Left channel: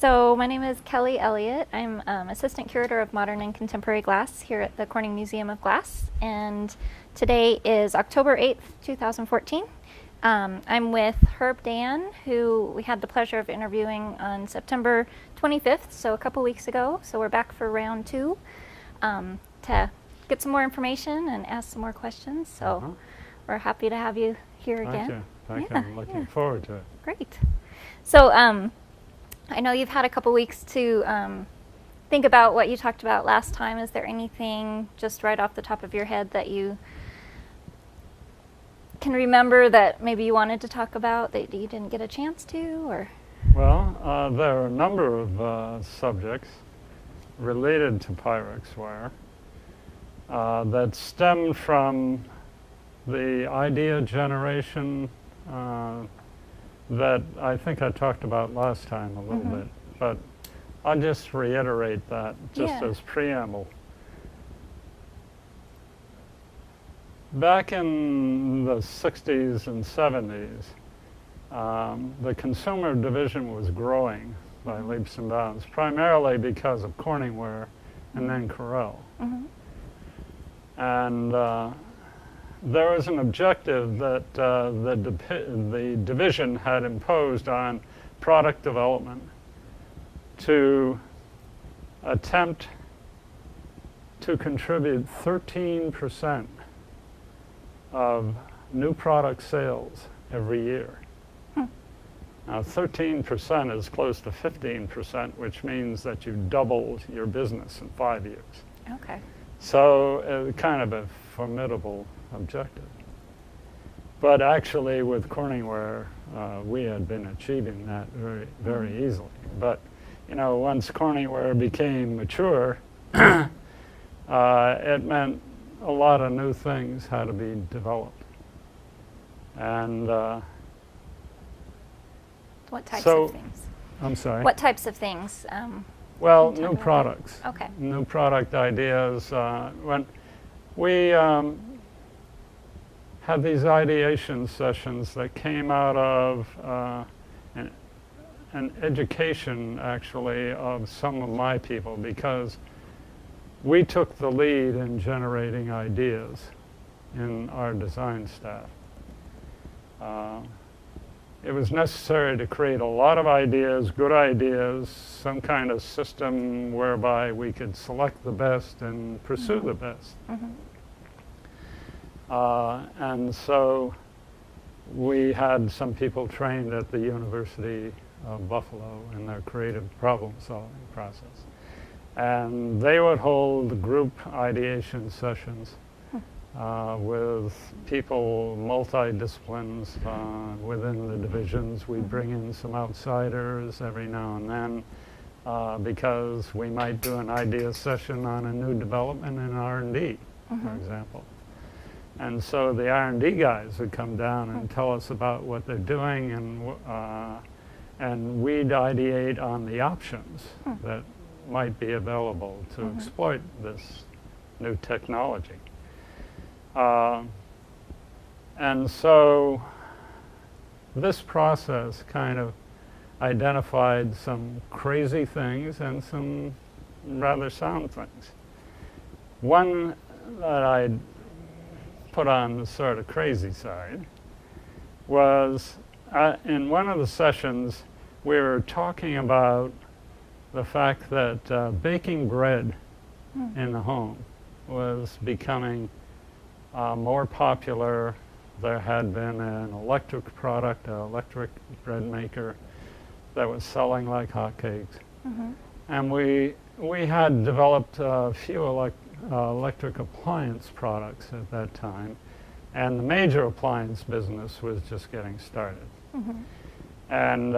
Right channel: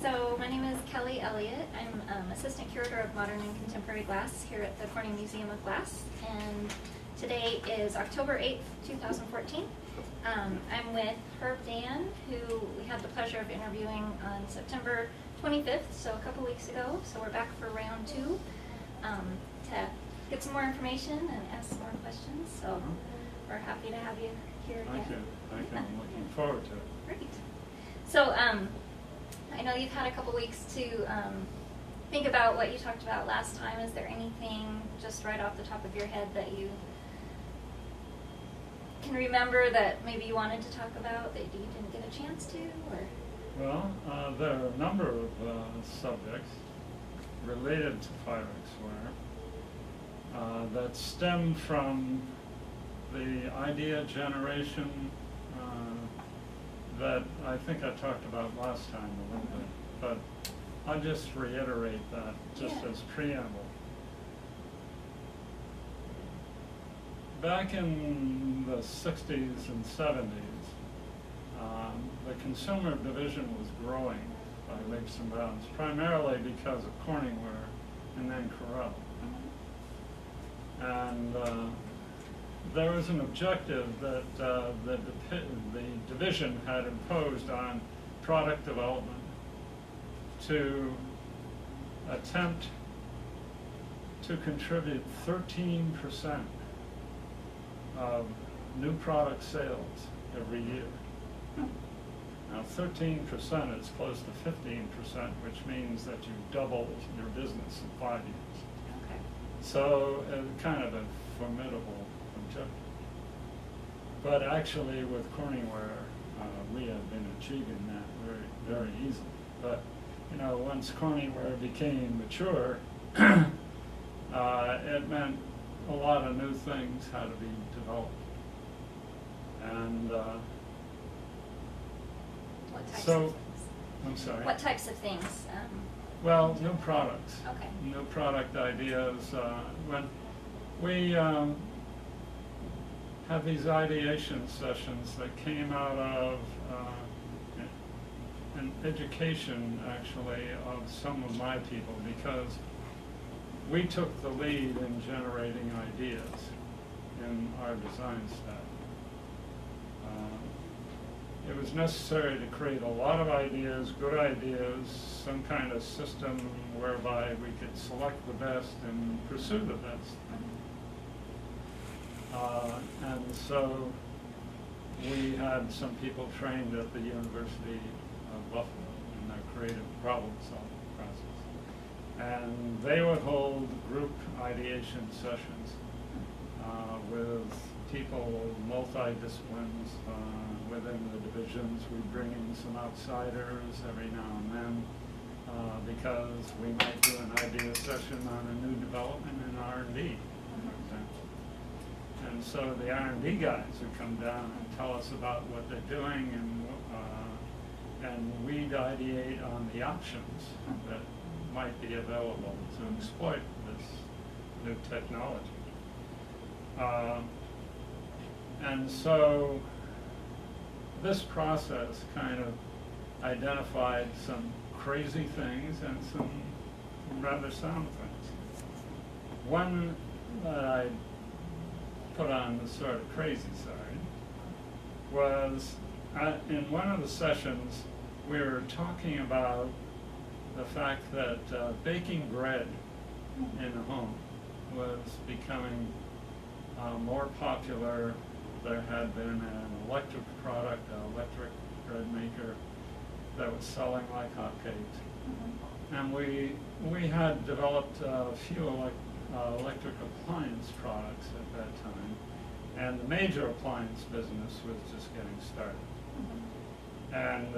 So my name is Kelly Elliott. I'm Assistant Curator of Modern and Contemporary Glass here at the Corning Museum of Glass. And today is October 8th, 2014. I'm with Dann, who we had the pleasure of interviewing on September 25th, so a couple weeks ago. So we're back for round two to get some more information and ask some more questions. So we're happy to have you here again. Thank you. I'm looking forward to it. Great. So I know you've had a couple weeks to think about what you talked about last time. Is there anything just right off the top of your head that you can remember that maybe you wanted to talk about that you didn't get a chance to? Or Well, there are a number of subjects related to Pyrex wire that stem from the idea generation that I think I talked about last time a little bit, but I'll just reiterate that just as preamble. Back in the 60s and 70s, the consumer division was growing by leaps and bounds, primarily because of Corning ware and then Corel. And there was an objective that the division had imposed on product development to attempt to contribute 13% of new product sales every year. Now 13% is close to 15%, which means that you doubled your business in 5 years. okay. So kind of a formidable objective. But actually with Corning ware, we had been achieving that very easily. But you know, once Corning ware became mature, it meant a lot of new things had to be developed. And What types so, of things? I'm sorry? What types of things? Well, Can you new talk about products. that? Okay. New product ideas. When we had these ideation sessions that came out of an education, actually, of some of my people, because we took the lead in generating ideas in our design staff. It was necessary to create a lot of ideas, good ideas, some kind of system whereby we could select the best and pursue the best. And so we had some people trained at the University of Buffalo in their creative problem-solving process. And they would hold group ideation sessions with people, multi-disciplines within the divisions. We bring in some outsiders every now and then because we might do an idea session on a new development in R&D, for example. And so the R&D guys would come down and tell us about what they're doing, and we'd ideate on the options that might be available to exploit this new technology. And so this process kind of identified some crazy things and some rather sound things. One that I put on the sort of crazy side was in one of the sessions we were talking about the fact that baking bread in the home was becoming more popular. There had been an electric product, an electric bread maker that was selling like hotcakes. And we had developed a few electric appliance products at that time, and the major appliance business was just getting started. And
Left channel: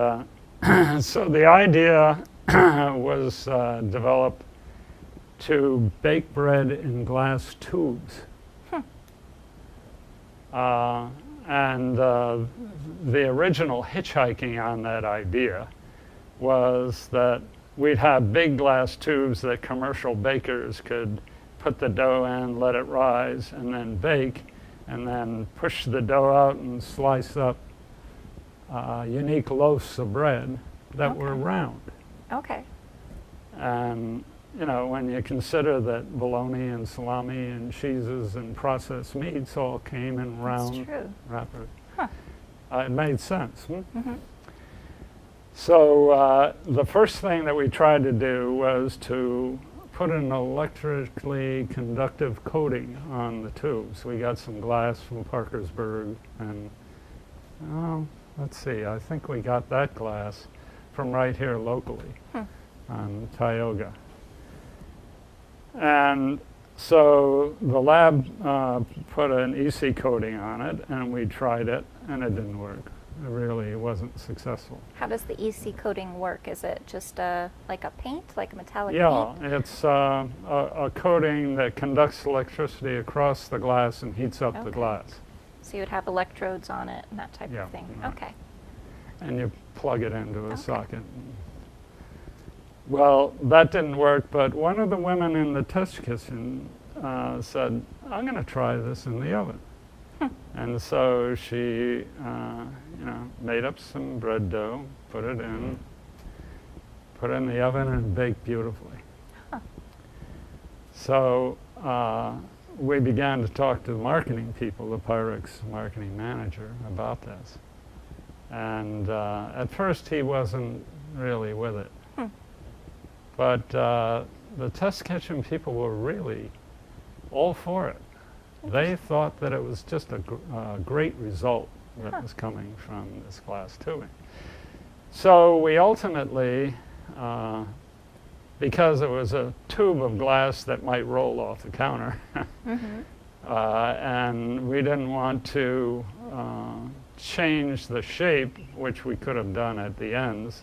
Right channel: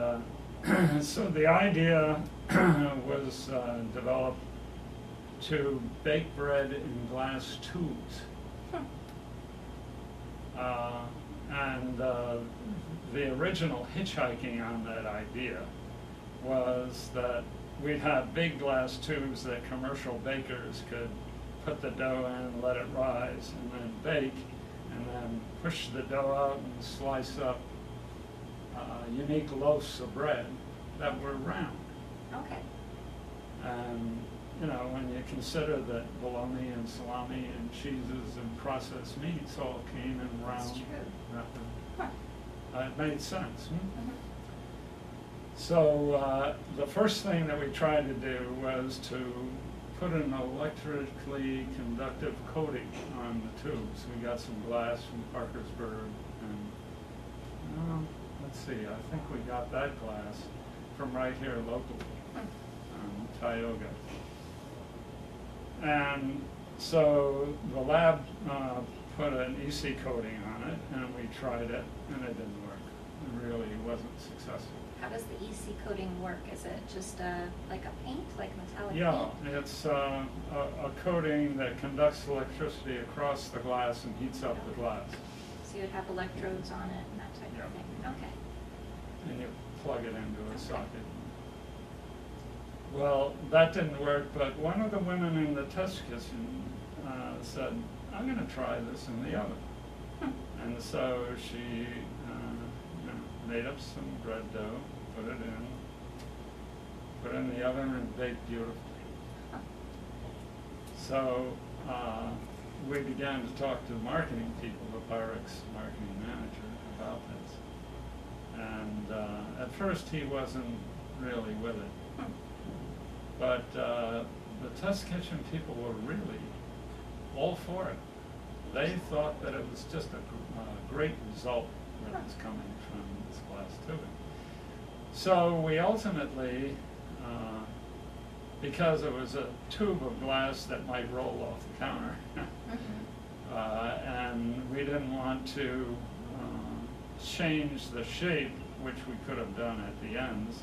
so the idea was developed to bake bread in glass tubes. And the original hitchhiking on that idea was that we'd have big glass tubes that commercial bakers could put the dough in, let it rise, and then bake, and then push the dough out and slice up unique loaves of bread that were round. Okay. And, you know, when you consider that bologna and salami and cheeses and processed meats all came in round true. wrapper, Huh. It made sense. Mm-hmm. So the first thing that we tried to do was to put an electrically conductive coating on the tubes. We got some glass from Parkersburg, and let's see, I think we got that glass from right here locally on Tioga. And so the lab put an EC coating on it, and we tried it, and it didn't work. It really wasn't successful. How does the EC coating work? Is it just like a paint, like a metallic Yeah, paint? it's a coating that conducts electricity across the glass and heats up the Okay. glass. So you would have electrodes on it and that type Yeah, of thing. right. Okay. And you plug it into a Okay. socket. Well, that didn't work, but one of the women in the test kitchen said, I'm going to try this in the oven. And so she made up some bread dough, put it in the oven, and baked beautifully. Huh. So we began to talk to the marketing people, the Pyrex marketing manager, about this. And at first he wasn't really with it. But the test kitchen people were really all for it. They thought that it was just a great result that was coming from this glass tubing. So we ultimately, because it was a tube of glass that might roll off the counter, and we didn't want to change the shape, which we could have done at the ends,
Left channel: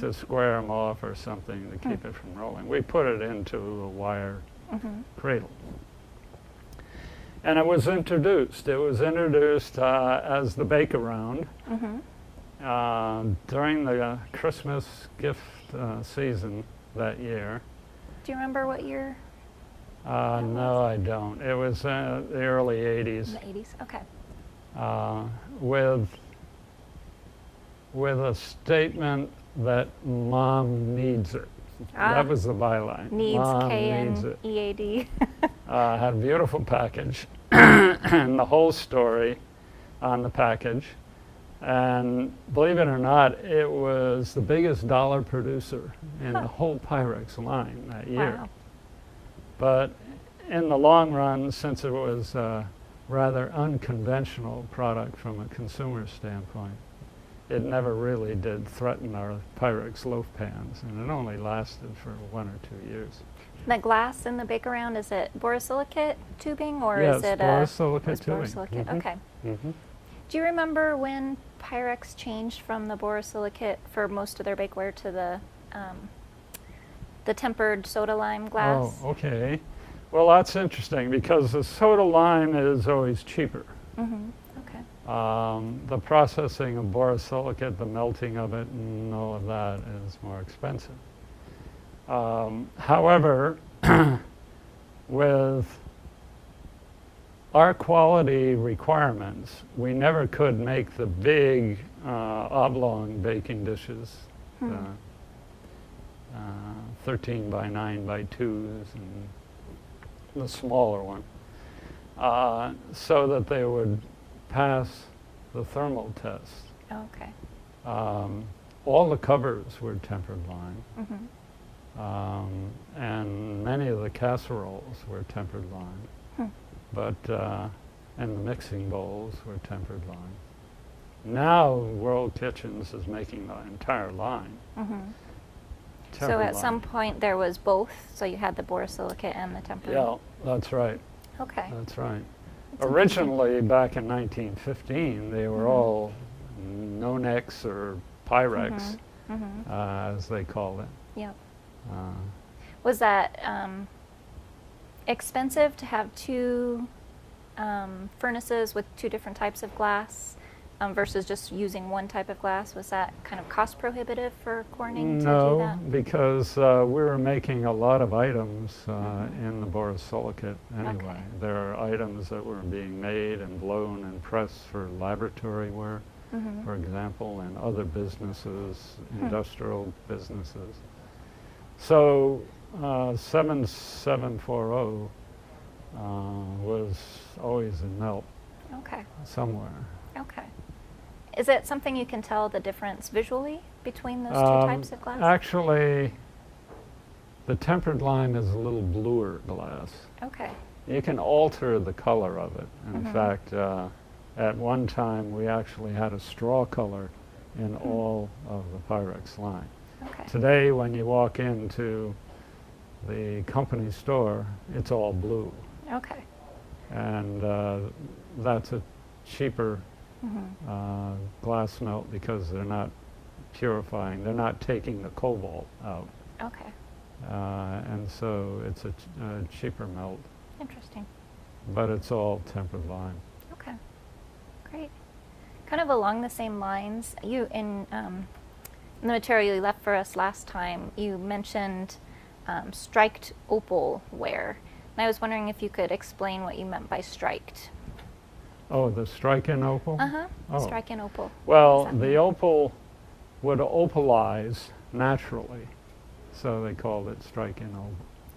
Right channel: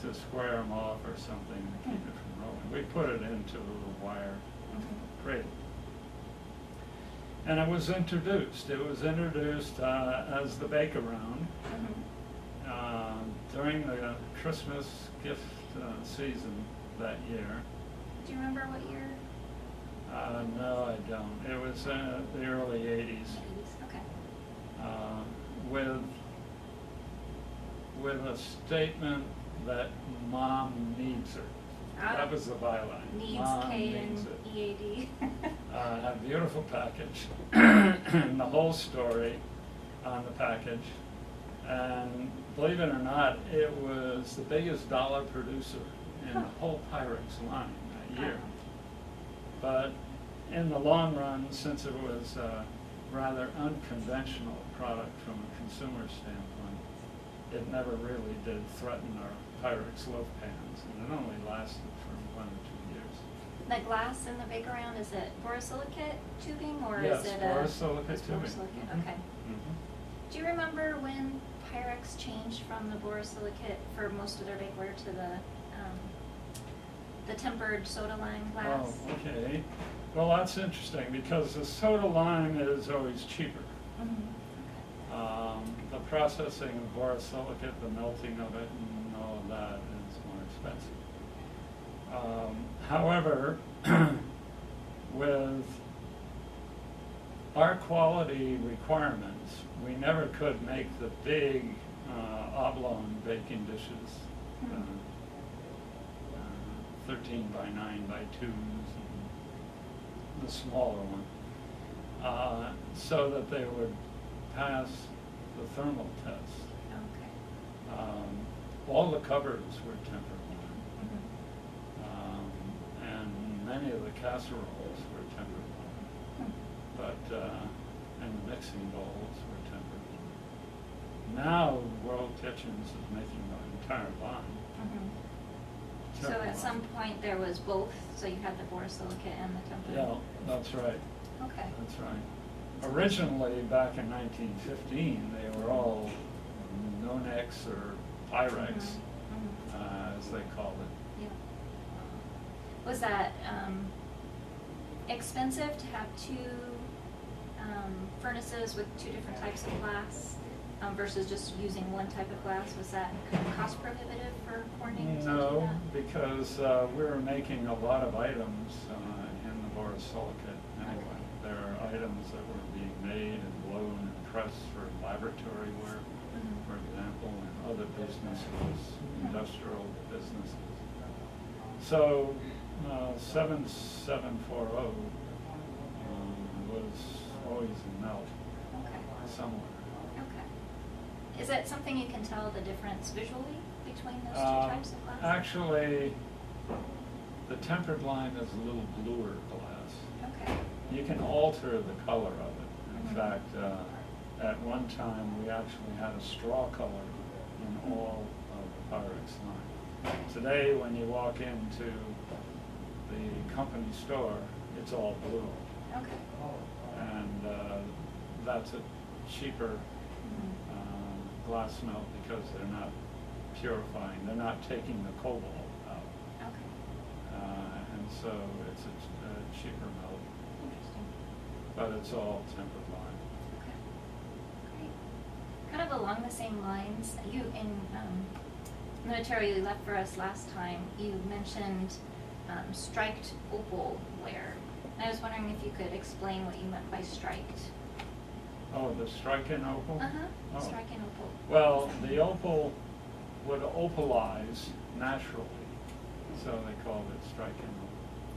to square them off or something to keep it from rolling. We put it into a wire cradle. And it was introduced. It was introduced as the bake-around during the Christmas gift season that year. Do you remember what year? No, I don't. It was the early 80s. The 80s? Okay. With a statement that Mom needs it. That was the byline. Needs, Mom needs it. K-N-E-A-D. Had a beautiful package and the whole story on the package. And believe it or not, it was the biggest dollar producer in the whole Pyrex line that year. Wow. But in the long run, since it was a rather unconventional product from a consumer standpoint, it never really did threaten our Pyrex loaf pans, and it only lasted for 1 or 2 years. The glass in the bake-around, is it borosilicate tubing or Yes, is it borosilicate it's tubing. borosilicate? Mhm. Okay. Mm-hmm. Do you remember when Pyrex changed from the borosilicate for most of their bakeware to the tempered soda lime glass? Oh, okay. Well, that's interesting because the soda lime is always cheaper. Mm-hmm. Okay. The processing of borosilicate, the melting of it, and all of that is more expensive. However, with our quality requirements, we never could make the big oblong baking dishes, 13 by 9 by 2s, and the smaller one, so that they would pass the thermal test. Okay. All the covers were tempered lime, Mm-hmm. and many of the casseroles were tempered lime, but and the mixing bowls were tempered lime. Now World Kitchens is making the entire line. So tempered at lime. some point there was both, so you had the borosilicate and the tempered? Yeah, that's right. Okay. That's right. Originally, back in 1915, they were all Nonex or Pyrex, as they called it. Yeah. Was that expensive to have two furnaces with two different types of glass versus just using one type of glass? Was that kind of cost prohibitive for Corning to do No, that? because we were making a lot of items in the borosilicate anyway. Okay. There are items that were being made and blown and pressed for laboratory work, for example, and other businesses, industrial businesses. So 7740 was always a melt Okay. somewhere. Okay. Is it something you can tell the difference visually between those two types of glass? Actually, the tempered line is a little bluer glass. Okay. You can alter the color of it. In Mhm. fact, at one time we actually had a straw color in all of the Pyrex line. Okay. Today, when you walk into the company store, it's all blue. Okay. And that's a cheaper Mhm. glass melt because they're not purifying, they're not taking the cobalt out. Okay. And so it's a cheaper melt, Interesting. but it's all tempered line. Okay. Great. Kind of along the same lines, you in the material you left for us last time, you mentioned striked opal ware. And I was wondering if you could explain what you meant by striked. Oh, the strike-in opal? Uh-huh. Oh. Strike and opal. Well, Exactly. the opal would opalize naturally, so they called it strike-in opal.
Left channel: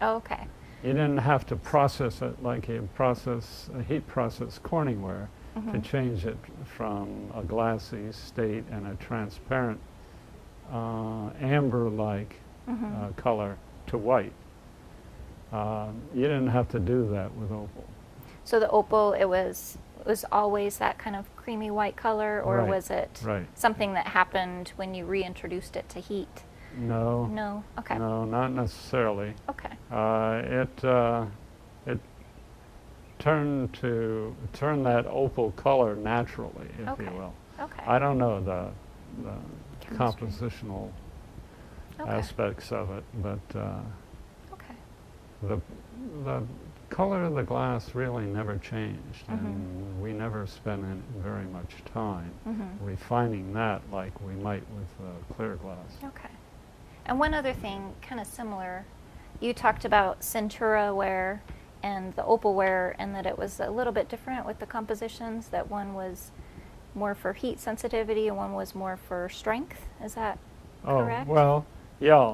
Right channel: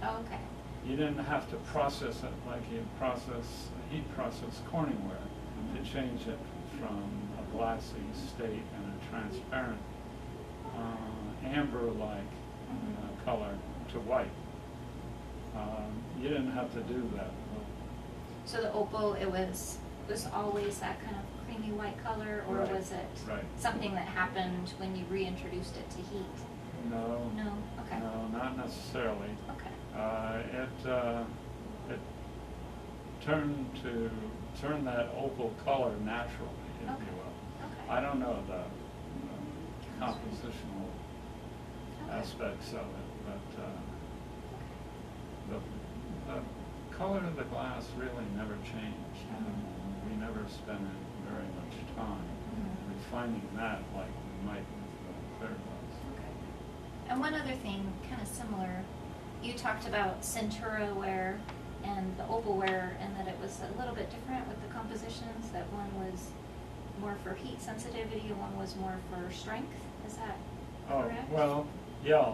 Oh, okay. You didn't have to process it like you process a heat process Corningware to Mhm. change it from a glassy state and a transparent amber-like Mhm. color to white. You didn't have to do that with opal. So the opal, it was always that kind of creamy white color, or Right, was it right. something that happened when you reintroduced it to heat? No, No. Okay. no, not necessarily. Okay. It turned that opal color naturally, if Okay. you will. Okay. I don't know the Chemistry. compositional Okay. aspects of it, but Okay. the color of the glass really never changed, Mhm. and we never spent very much time Mhm. refining that like we might with clear glass. Okay. And one other thing, kind of similar, you talked about Centura ware and the opal ware, and that it was a little bit different with the compositions, that one was more for heat sensitivity and one was more for strength. Is that correct? Oh, well, yeah.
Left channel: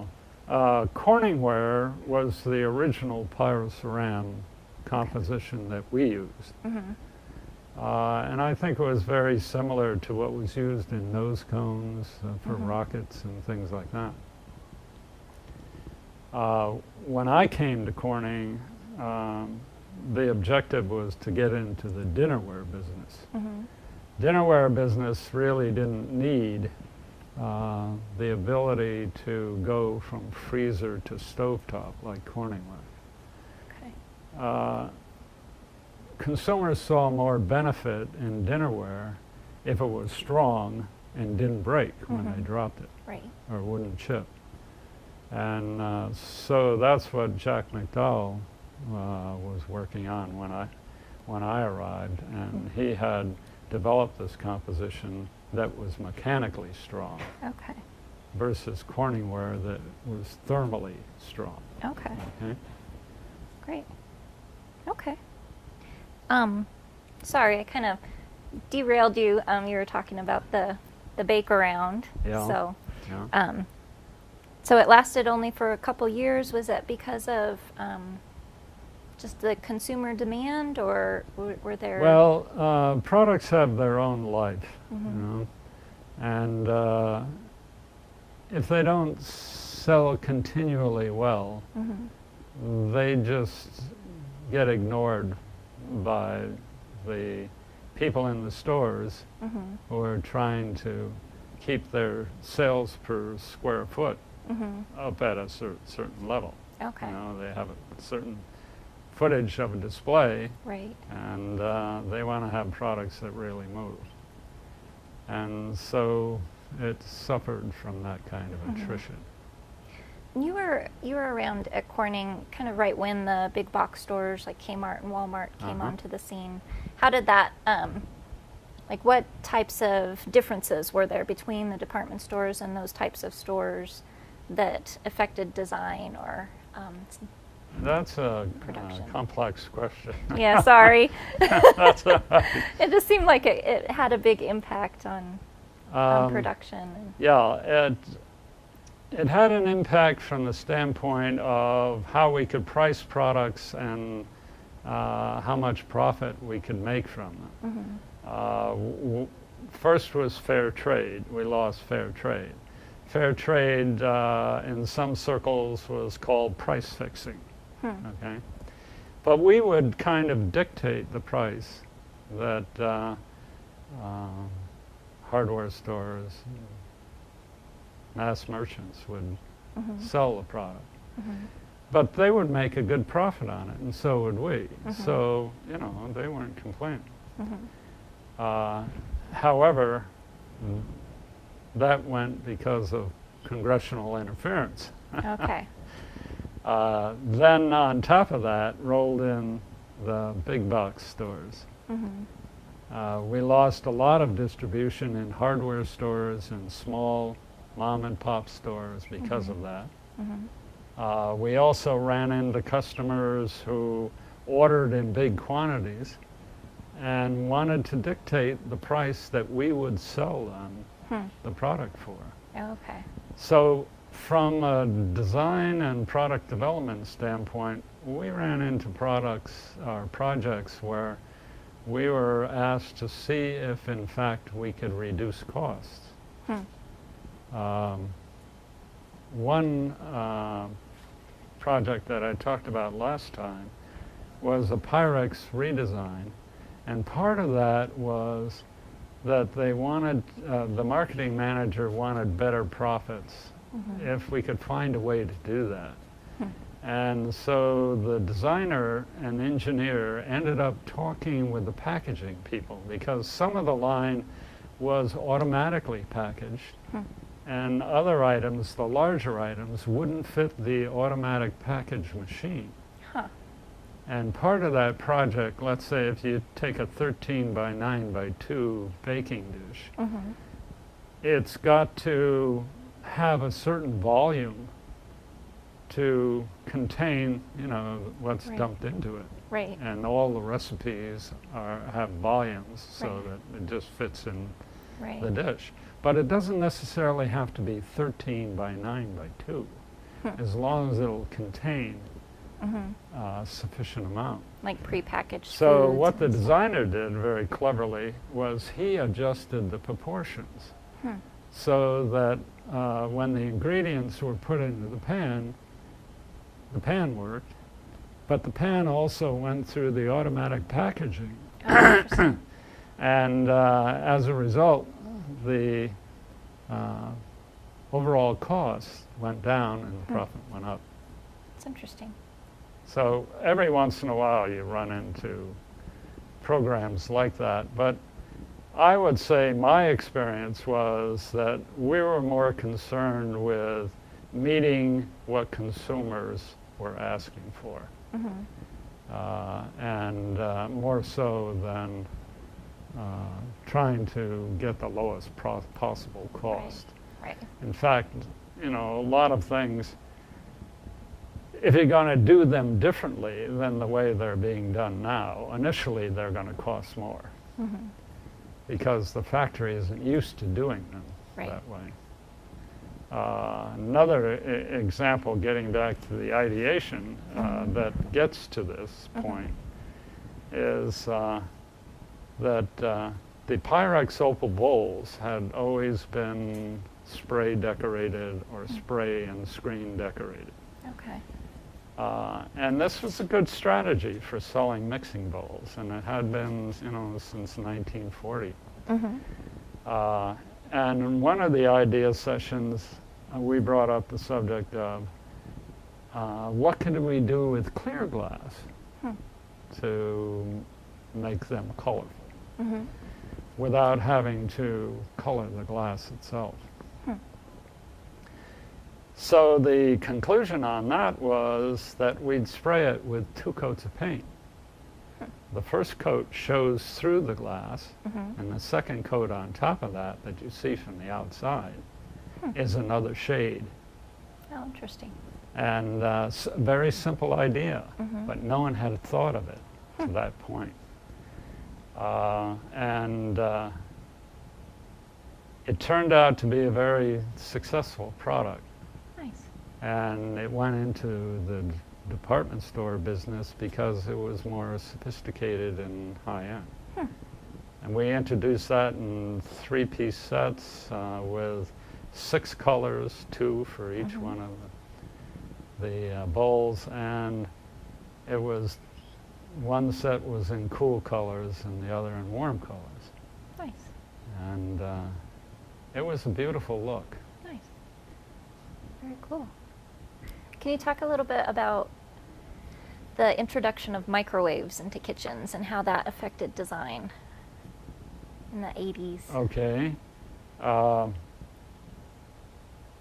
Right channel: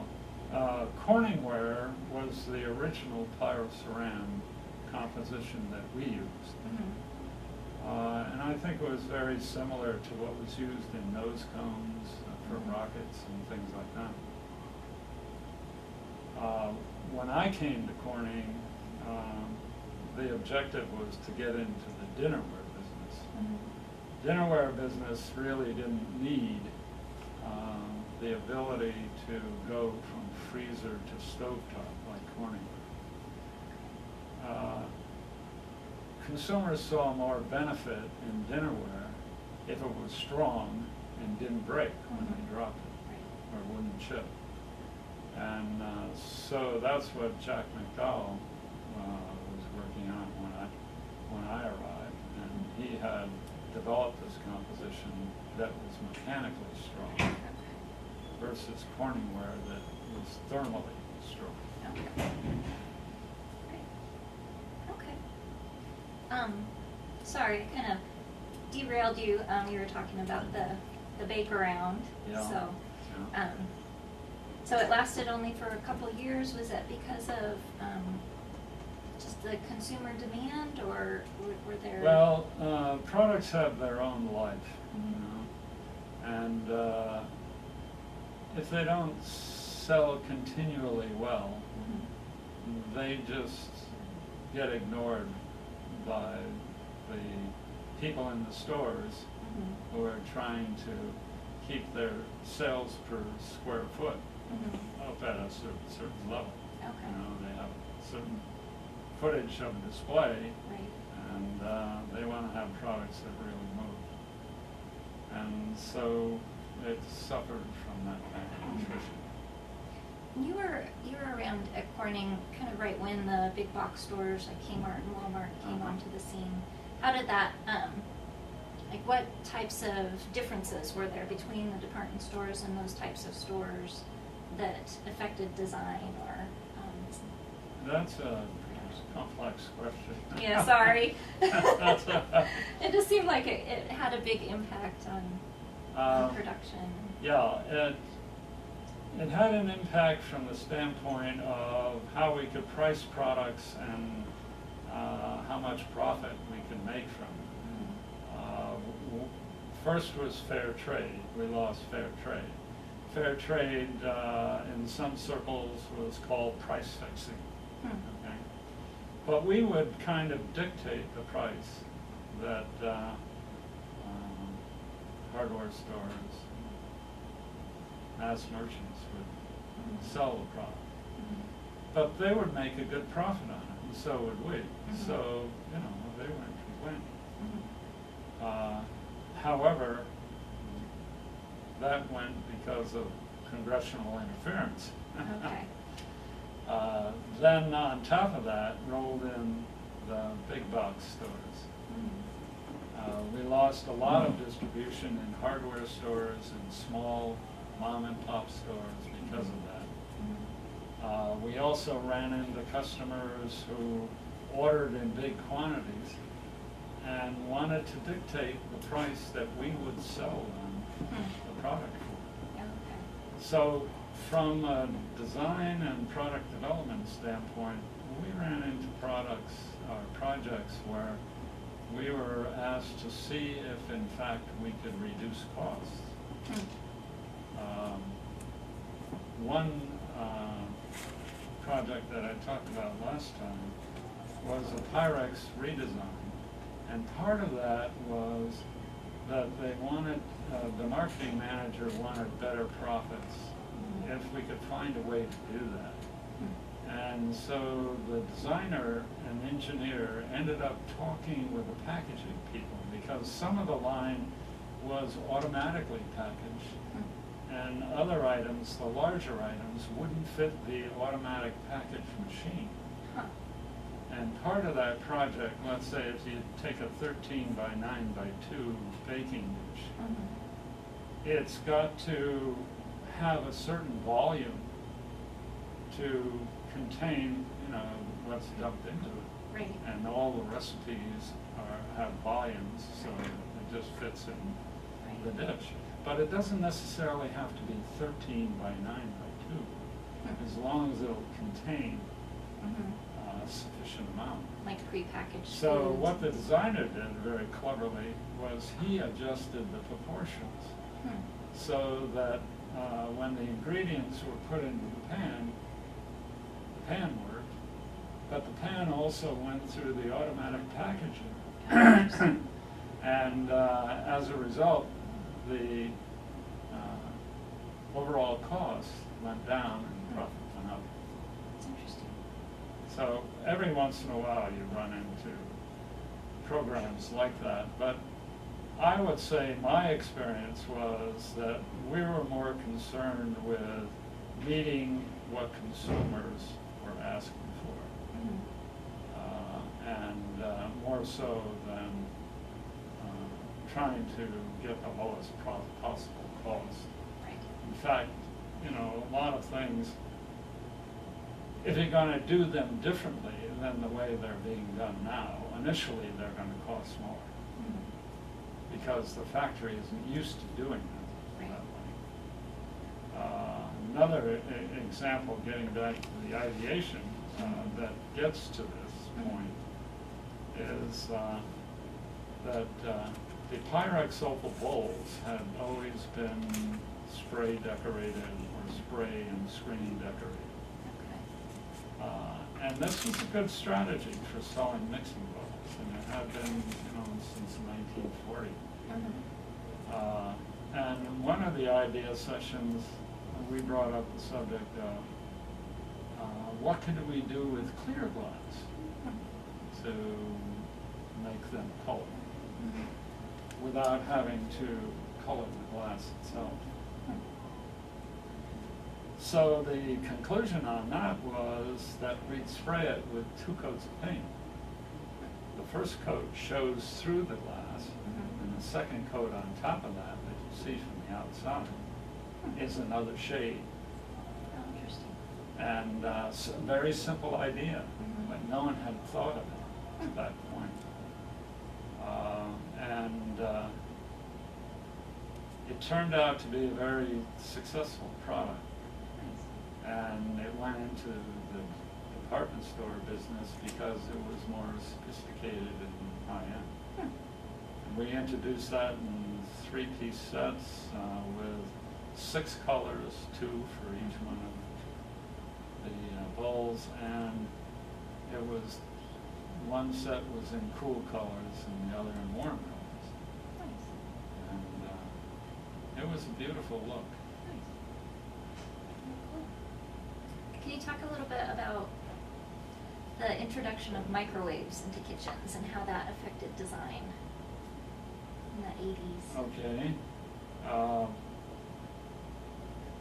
Corningware was the original pyroceram composition that we used. Mhm. And I think it was very similar to what was used in nose cones for Mhm. rockets and things like that. When I came to Corning, the objective was to get into the dinnerware business. Mhm. Dinnerware business really didn't need the ability to go from freezer to stovetop like Corningware. Okay. Consumers saw more benefit in dinnerware if it was strong and didn't break when Mhm. they dropped it Right. or wouldn't chip. And so that's what Jack McDowell was working on when I arrived, and he had developed this composition that was mechanically strong Okay. versus Corningware that was thermally strong. Okay. Okay? Great. Okay. Sorry, I kind of derailed you. You were talking about the bake around. Yeah. So, Yeah. so it lasted only for a couple years. Was it because of just the consumer demand, or were there? Well, products have their own life, Mhm. you know, and if they don't sell continually well, Mhm. they just get ignored by the people in the stores Mhm. who are trying to keep their sales per square foot Mhm. up at a certain level. Okay. You know, they have a certain footage of a display, Right. and they want to have products that really move. And so it suffered from that kind of Mhm. attrition. You were around at Corning kind of right when the big box stores like Kmart and Walmart came Uh-huh. onto the scene. How did that, like what types of differences were there between the department stores and those types of stores that affected design or, That's a Production. complex question. yeah, sorry. That's all right. It just seemed like it had a big impact on Um, production. Yeah, it had an impact from the standpoint of how we could price products and how much profit we could make from them. First was fair trade. We lost fair trade. Fair trade in some circles was called price fixing. Okay? But we would kind of dictate the price that hardware stores, mass merchants would sell the product. But they would make a good profit on it, and so would we. So, you know, they weren't complaining. However, that went because of congressional interference. Okay. Then on top of that rolled in the big box stores. We lost a lot of distribution in hardware stores and small mom and pop stores because of that. We also ran into customers who ordered in big quantities and wanted to dictate the price that we would sell them the product for. Okay. So from a design and product development standpoint, we ran into projects where we were asked to see if in fact we could reduce costs. One project that I talked about last time was a Pyrex redesign, and part of that was that they wanted, the marketing manager wanted better profits if we could find a way to do that. And so the designer and engineer ended up talking with the packaging people because some of the line was automatically packaged and other items, the larger items, wouldn't fit the automatic package machine. And part of that project, let's say if you take a 13 by 9 by 2 baking dish, it's got to have a certain volume to contain, you know, what's dumped into it. Right. And all the recipes have volumes so that it just fits in the dish. But it doesn't necessarily have to be 13 by 9 by 2, as long as it'll contain a sufficient amount. Like prepackaged So foods. what the designer did very cleverly was he adjusted the proportions so that when the ingredients were put into the pan worked, but the pan also went through the automatic packaging. And as a result, the overall cost went down and the profit went up. That's interesting. So every once in a while you run into programs like that, but I would say my experience was that we were more concerned with meeting what consumers were asking for, and more so than trying to get the lowest possible cost. Right. In fact, you know, a lot of things, if you're going to do them differently than the way they're being done now, initially they're going to cost more because the factory isn't used to doing them that way. Another example, getting back to the ideation that gets to this point, is that the Pyrex Opal bowls had always been spray decorated or spray and screen decorated. And this was a good strategy for selling mixing bowls, and it had been, you know, since 1940. And in one of the idea sessions, we brought up the subject of what can we do with clear glass to make them colorful without having to color the glass itself. So the conclusion on that was that we'd spray it with 2 coats of paint. The first coat shows through the glass, and the second coat on top of that you see from the outside is another shade. Oh, interesting. And very simple idea, but no one had thought of it to that point. And it turned out to be a very successful product. And it went into the department store business because it was more sophisticated and high-end. Hmm. And we introduced that in 3-piece sets with 6 colors, 2 for each one of the bowls, and it was one set was in cool colors and the other in warm colors. Nice. And it was a beautiful look. Nice. Very cool. Can you talk a little bit about the introduction of microwaves into kitchens and how that affected design in the 80s? Okay.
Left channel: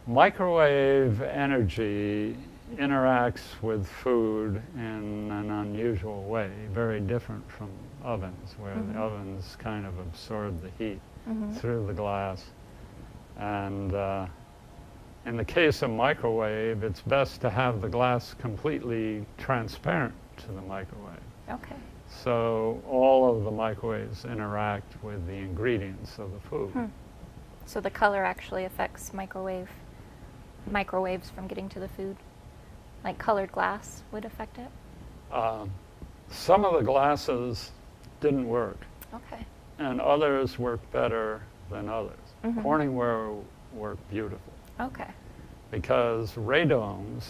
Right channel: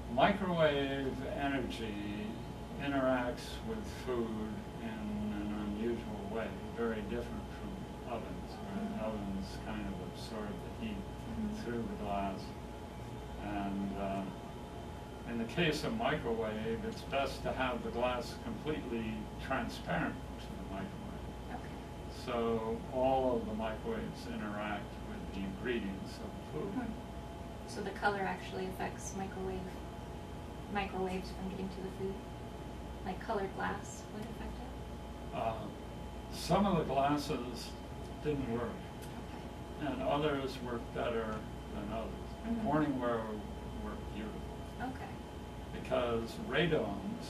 Microwave energy interacts with food in an unusual way, very different from ovens, where the ovens kind of absorb the heat through the glass. And in the case of microwave, it's best to have the glass completely transparent to the microwave. Okay. So all of the microwaves interact with the ingredients of the food. So the color actually affects microwaves from getting to the food? Like colored glass would affect it? Some of the glasses didn't work, Okay. and others worked better than others. Corningware worked beautiful Okay. because radomes,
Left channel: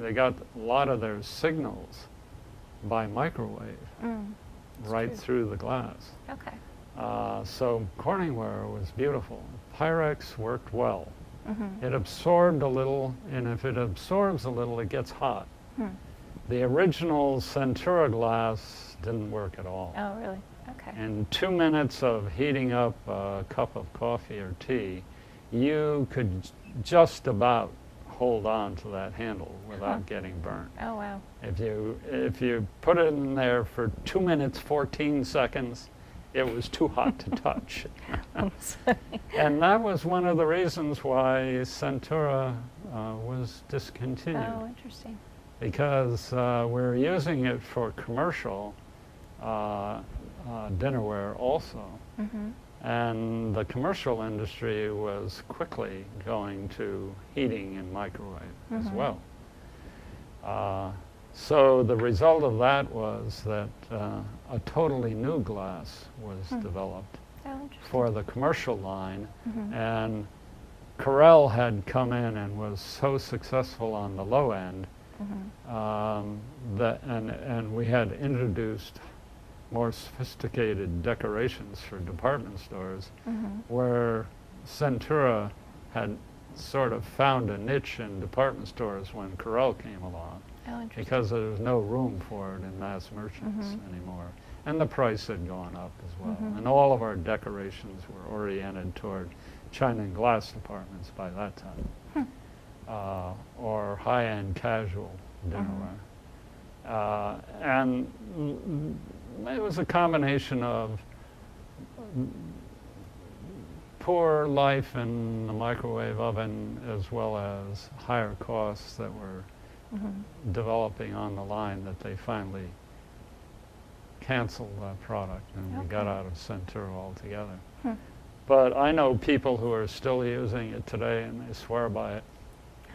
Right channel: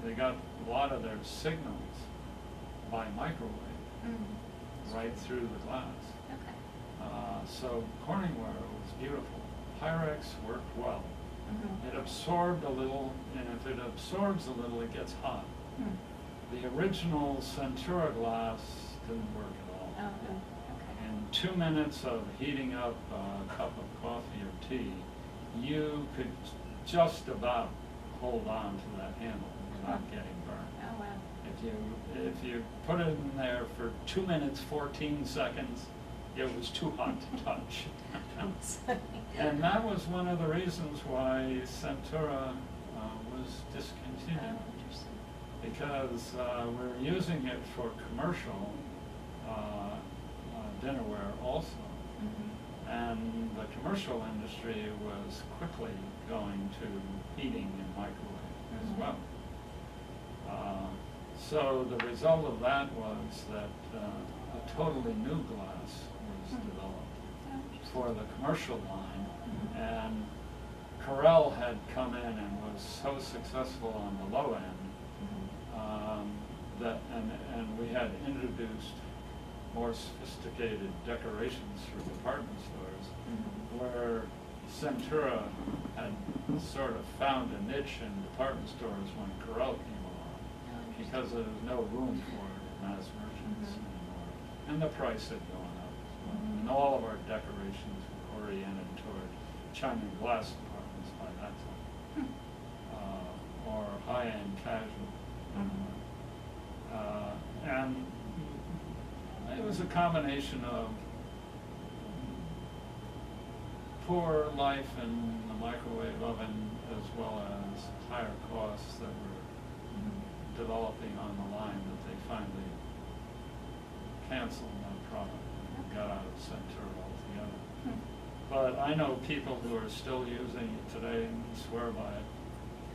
they got a lot of their signals by microwave right through the glass. Okay. So Corningware was beautiful. Pyrex worked well. It absorbed a little, and if it absorbs a little, it gets hot. The original Centura glass didn't work at all. Oh, really? Okay. In 2 minutes of heating up a cup of coffee or tea, you could just about hold on to that handle without getting burned. Oh, wow. If you put it in there for 2 minutes, 14 seconds, it was too hot to touch. And that was one of the reasons why Centura was discontinued. Oh, interesting. Because we're using it for commercial dinnerware also. And the commercial industry was quickly going to heating and microwave as well. So the result of that was that a totally new glass was developed for the commercial line, and Corel had come in and was so successful on the low end that, and we had introduced more sophisticated decorations for department stores, where Centura had sort of found a niche in department stores when Corel came along, because there was no room for it in mass merchants anymore, and the price had gone up as well. And all of our decorations were oriented toward china and glass departments by that time, or high-end casual dinnerware. And it was a combination of poor life in the microwave oven as well as higher costs that were developing on the line that they finally canceled that product and got out of Centura altogether. But I know people who are still using it today and they swear by it.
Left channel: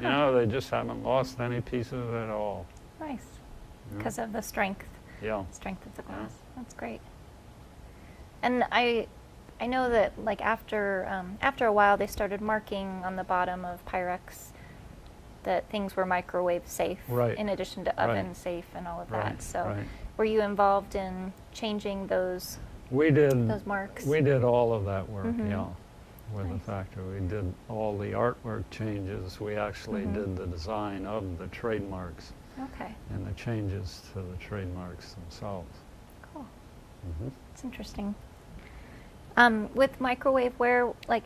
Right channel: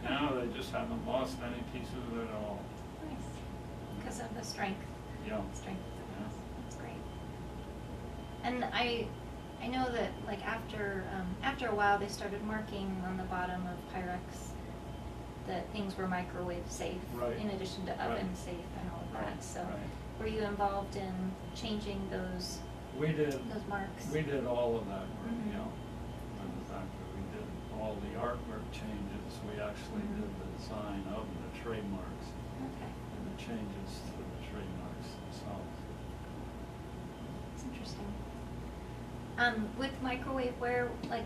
You know, they just haven't lost any piece of it at all. Nice. Because of the strength. Yeah. Strength of the glass. That's great. And I know that like after a while they started marking on the bottom of Pyrex that things were microwave safe, Right. in addition to oven safe and all of that. Right, So right. were you involved in changing those Those marks? We did all of that work, yeah, with the factory. We did all the artwork changes. We actually did the design of the trademarks Okay. and the changes to the trademarks themselves. Cool. It's interesting. With microwaveware, like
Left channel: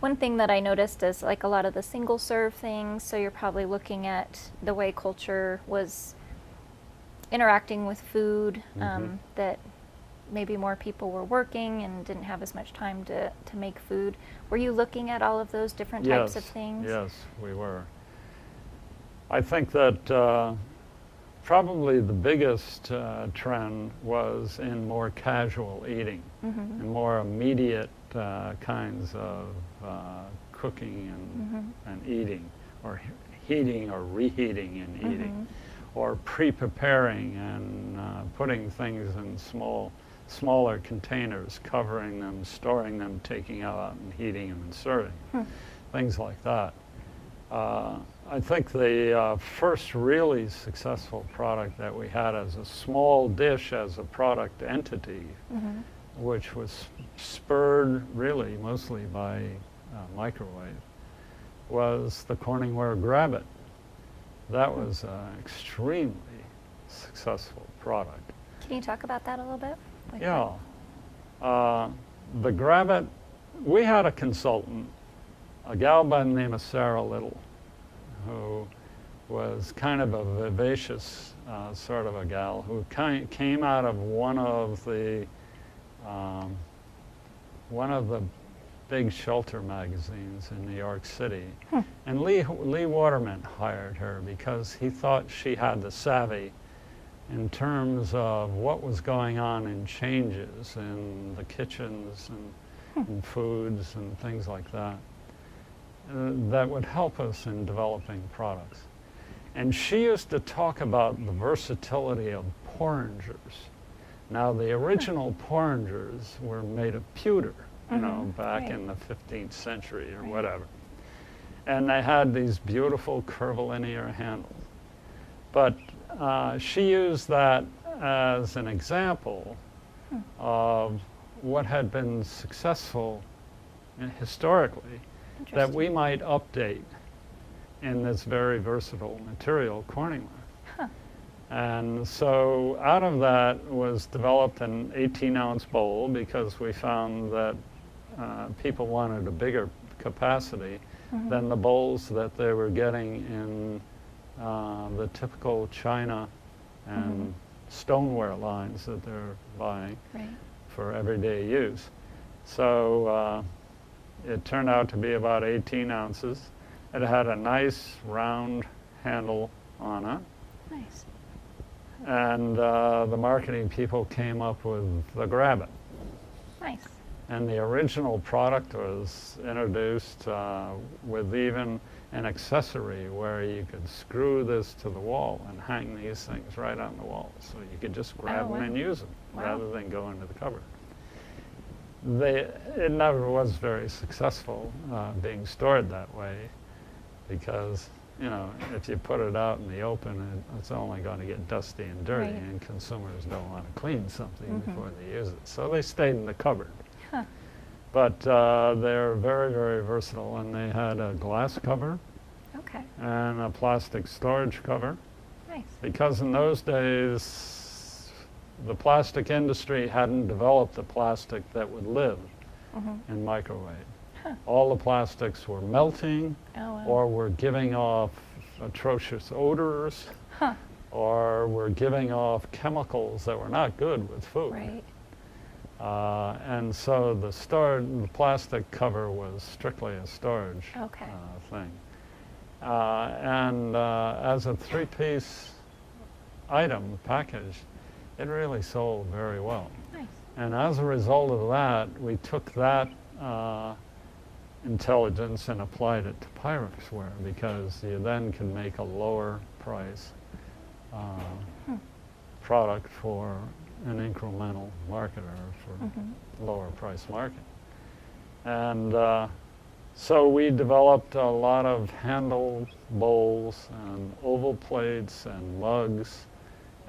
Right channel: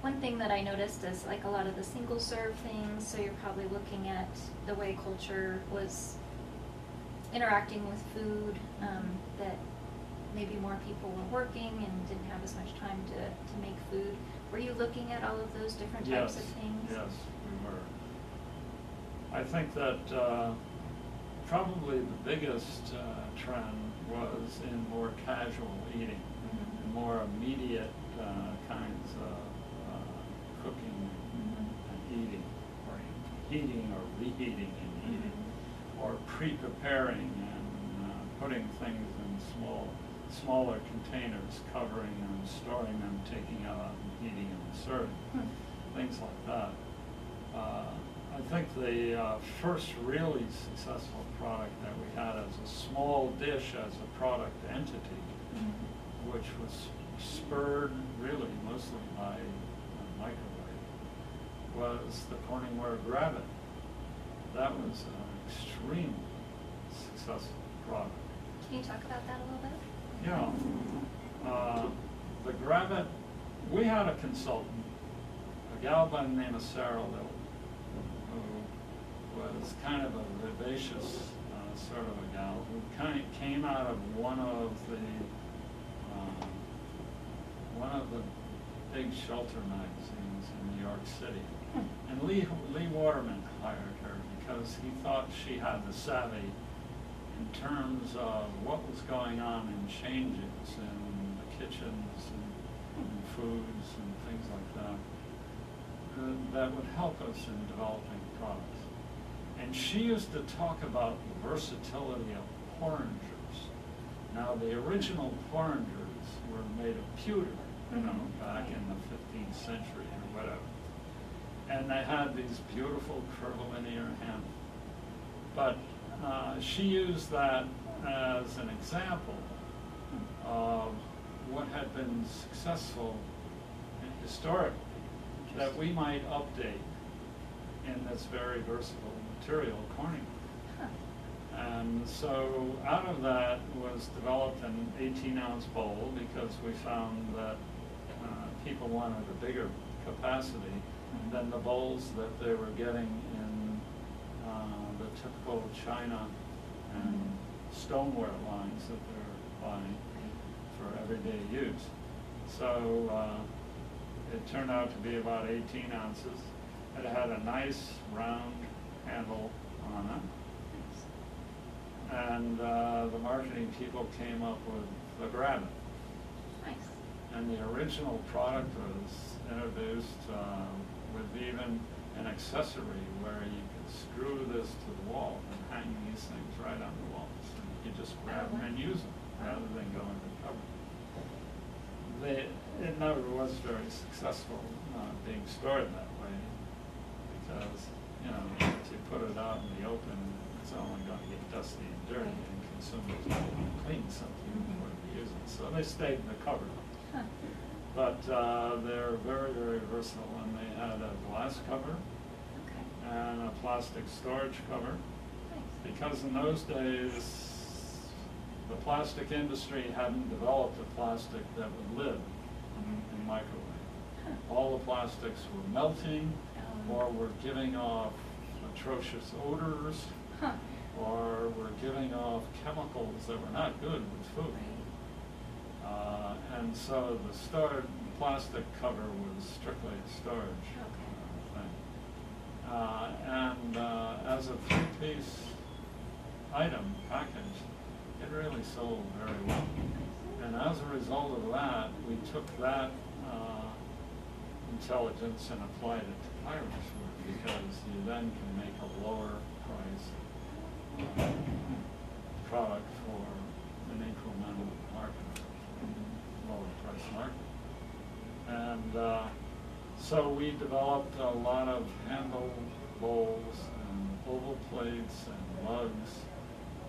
one thing that I noticed is like a lot of the single serve things, so you're probably looking at the way culture was interacting with food, that maybe more people were working and didn't have as much time to make food. Were you looking at all of those different types of things? Yes, we were. I think that probably the biggest trend was in more casual eating, and more immediate kinds of cooking and eating, or heating or reheating and eating, or pre-preparing and putting things in smaller containers, covering them, storing them, taking out and heating and serving, things like that. I think the first really successful product that we had as a small dish, as a product entity, which was spurred really mostly by microwave, was the Corningware Grab-It. That was an extremely successful product. Can you talk about that a little bit? Like Yeah. The Grab-It, we had a consultant, a gal by the name of Sarah Little, who was kind of a vivacious sort of a gal who came out of one of the big shelter magazines in New York City. And Lee Waterman hired her because he thought she had the savvy in terms of what was going on in changes in the kitchens and foods and things like that, that would help us in developing products. And she used to talk about the versatility of porringers. Now, the original porringers were made of pewter, you know, back in the 15th century or whatever. And they had these beautiful curvilinear handles. But she used that as an example of what had been successful historically that we might update in this very versatile material, Corningware. And so out of that was developed an 18-ounce bowl because we found that people wanted a bigger capacity than the bowls that they were getting in the typical china and stoneware lines that they're buying for everyday use. So it turned out to be about 18 ounces. It had a nice round handle on it. And the marketing people came up with the Grab-It. Nice. And the original product was introduced with even an accessory where you could screw this to the wall and hang these things right on the wall. So you could just grab them and use them rather than go into the cupboard. It never was very successful being stored that way because, you know, if you put it out in the open, it's only going to get dusty and dirty, and consumers don't want to clean something before they use it. So they stayed in the cupboard. But they're very, very versatile, and they had a glass cover and a plastic storage cover. Because in those days, the plastic industry hadn't developed a plastic that would live in microwave. All the plastics were melting or were giving off atrocious odors or were giving off chemicals that were not good with food. And so the plastic cover was strictly a storage thing. And as a three-piece item package, it really sold very well. And as a result of that, we took that intelligence and applied it to Pyrex-ware because you then can make a lower price product for an incremental market or for lower price market. And so we developed a lot of handle bowls and oval plates and mugs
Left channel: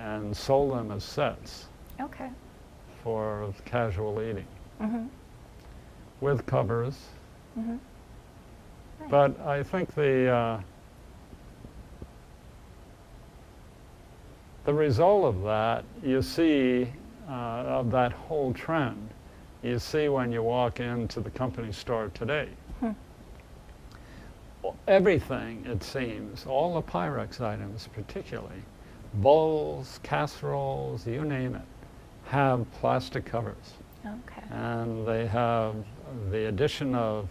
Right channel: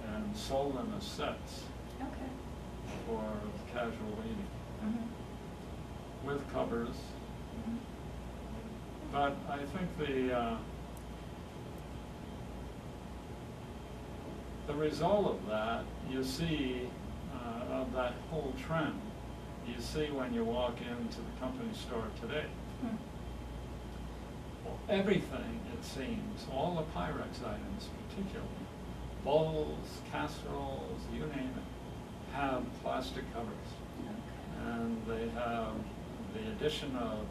and sold them as sets for casual eating with covers. But I think the result of that, you see, of that whole trend, you see when you walk into the company store today. Everything, it seems, all the Pyrex items particularly, bowls, casseroles, you name it, have plastic covers. And they have the addition of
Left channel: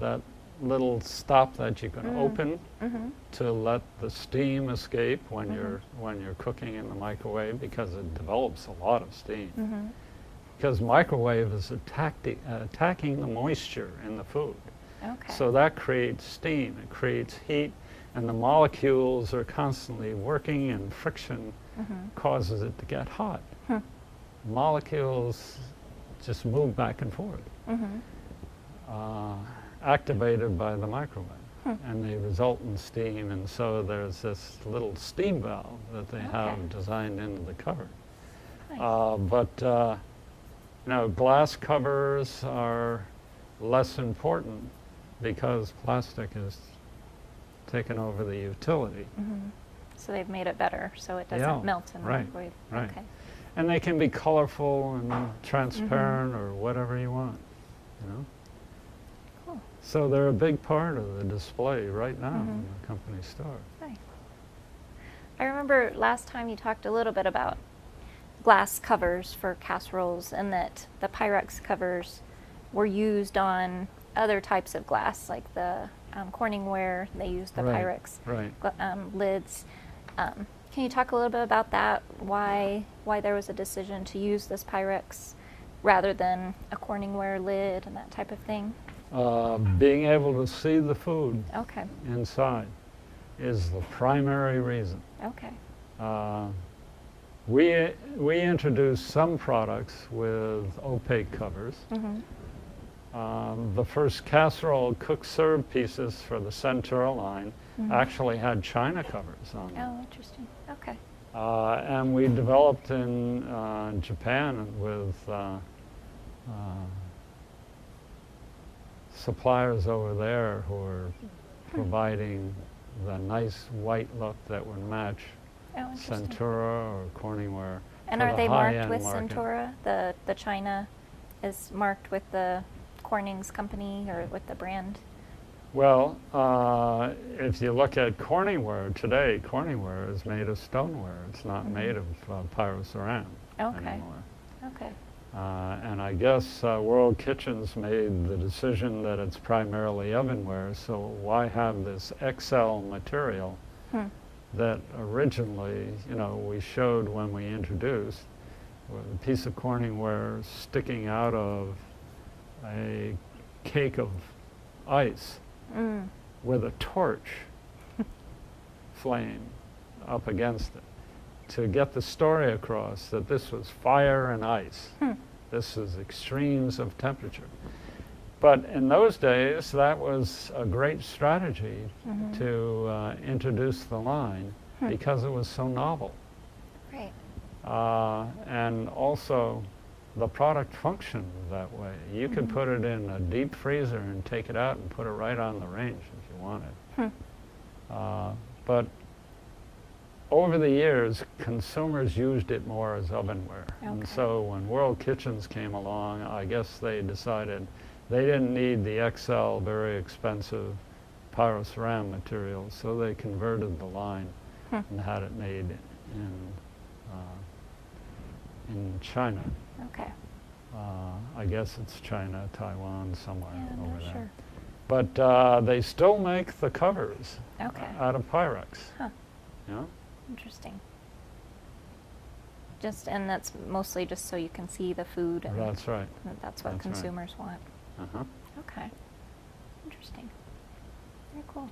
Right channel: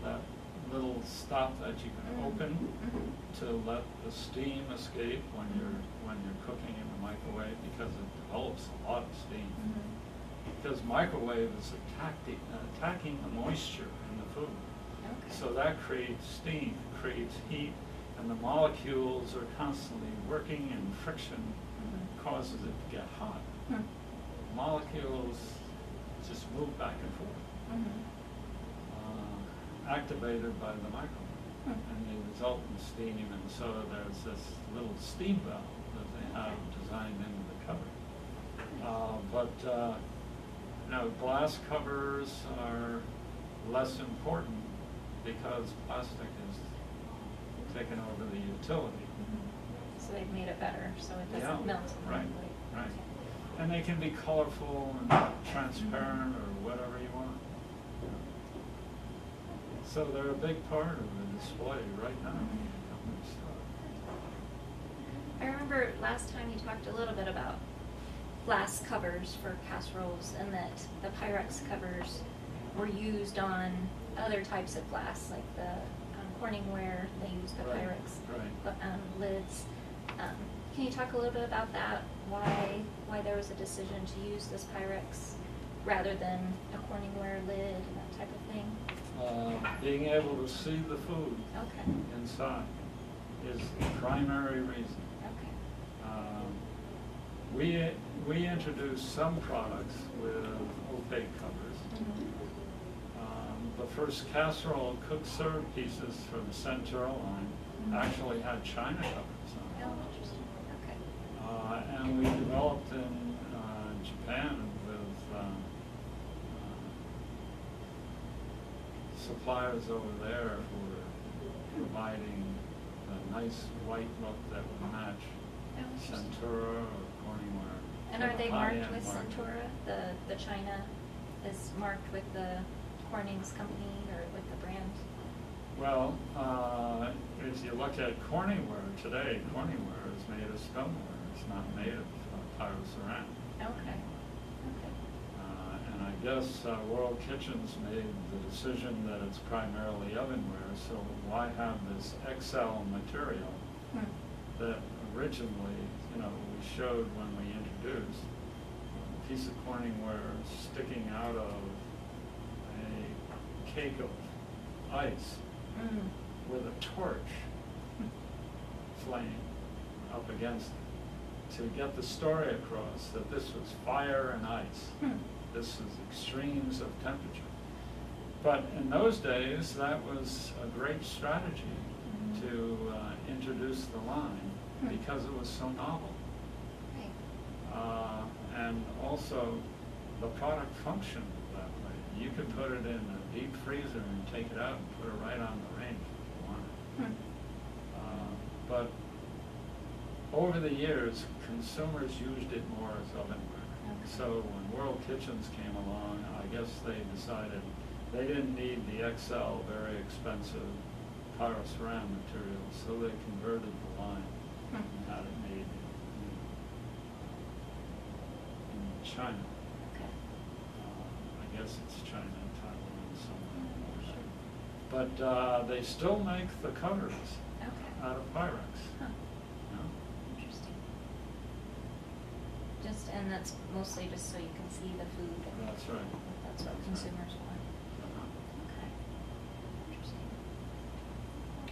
that little stop that you can open to let the steam escape when you're cooking in the microwave, because it develops a lot of steam. Because microwave is attacking the moisture in the food. So that creates steam, it creates heat, And the molecules are constantly working, and friction causes it to get hot. Molecules just move back and forth, activated by the microwave. And they result in steam, and so there's this little steam valve that they have designed into the cover. Nice. Glass covers are less important because plastic has taken over the utility. So they've made it better so it doesn't melt in the microwave. Right. Okay. And they can be colorful and transparent or whatever you want. Cool. So they're a big part of the display right now in the company store. Nice. I remember last time you talked a little bit about glass covers for casseroles, and that the Pyrex covers were used on other types of glass, like the Corningware. They used the Pyrex lids. Can you talk a little bit about that? Why there was a decision to use this Pyrex rather than a Corningware lid and that type of thing? Being able to see the food inside is the primary reason. Okay. We introduced some products with opaque covers. The first casserole cooked served pieces for the Sculptural line actually had china covers on them. Oh, interesting. Okay. And we developed in Japan with suppliers over there who are providing the nice white look that would match Centura or Corningware. And are they marked with Centura? The china is marked with the Corning's company or with the brand? Well, if you look at Corningware today, Corningware is made of stoneware. It's not made of pyroceramic anymore. Okay. And I guess World Kitchens made the decision that it's primarily ovenware, so why have this XL material that originally, we showed when we introduced a piece of Corningware sticking out of a cake of ice with a torch flame up against it to get the story across that this was fire and ice. This is extremes of temperature. But in those days, that was a great strategy to introduce the line because it was so novel. Right. And also, the product functioned that way. You could put it in a deep freezer and take it out and put it right on the range if you wanted. But over the years, consumers used it more as ovenware. And so when World Kitchens came along, I guess they decided they didn't need the XL, very expensive pyroceramic material, so they converted the line and had it made in China. Okay. I guess it's China, Taiwan, somewhere over there. Sure. But they still make the covers out of Pyrex. Huh. Interesting. And that's mostly just so you can see the food. And That's right. That's what consumers want. Okay. Interesting. Very cool.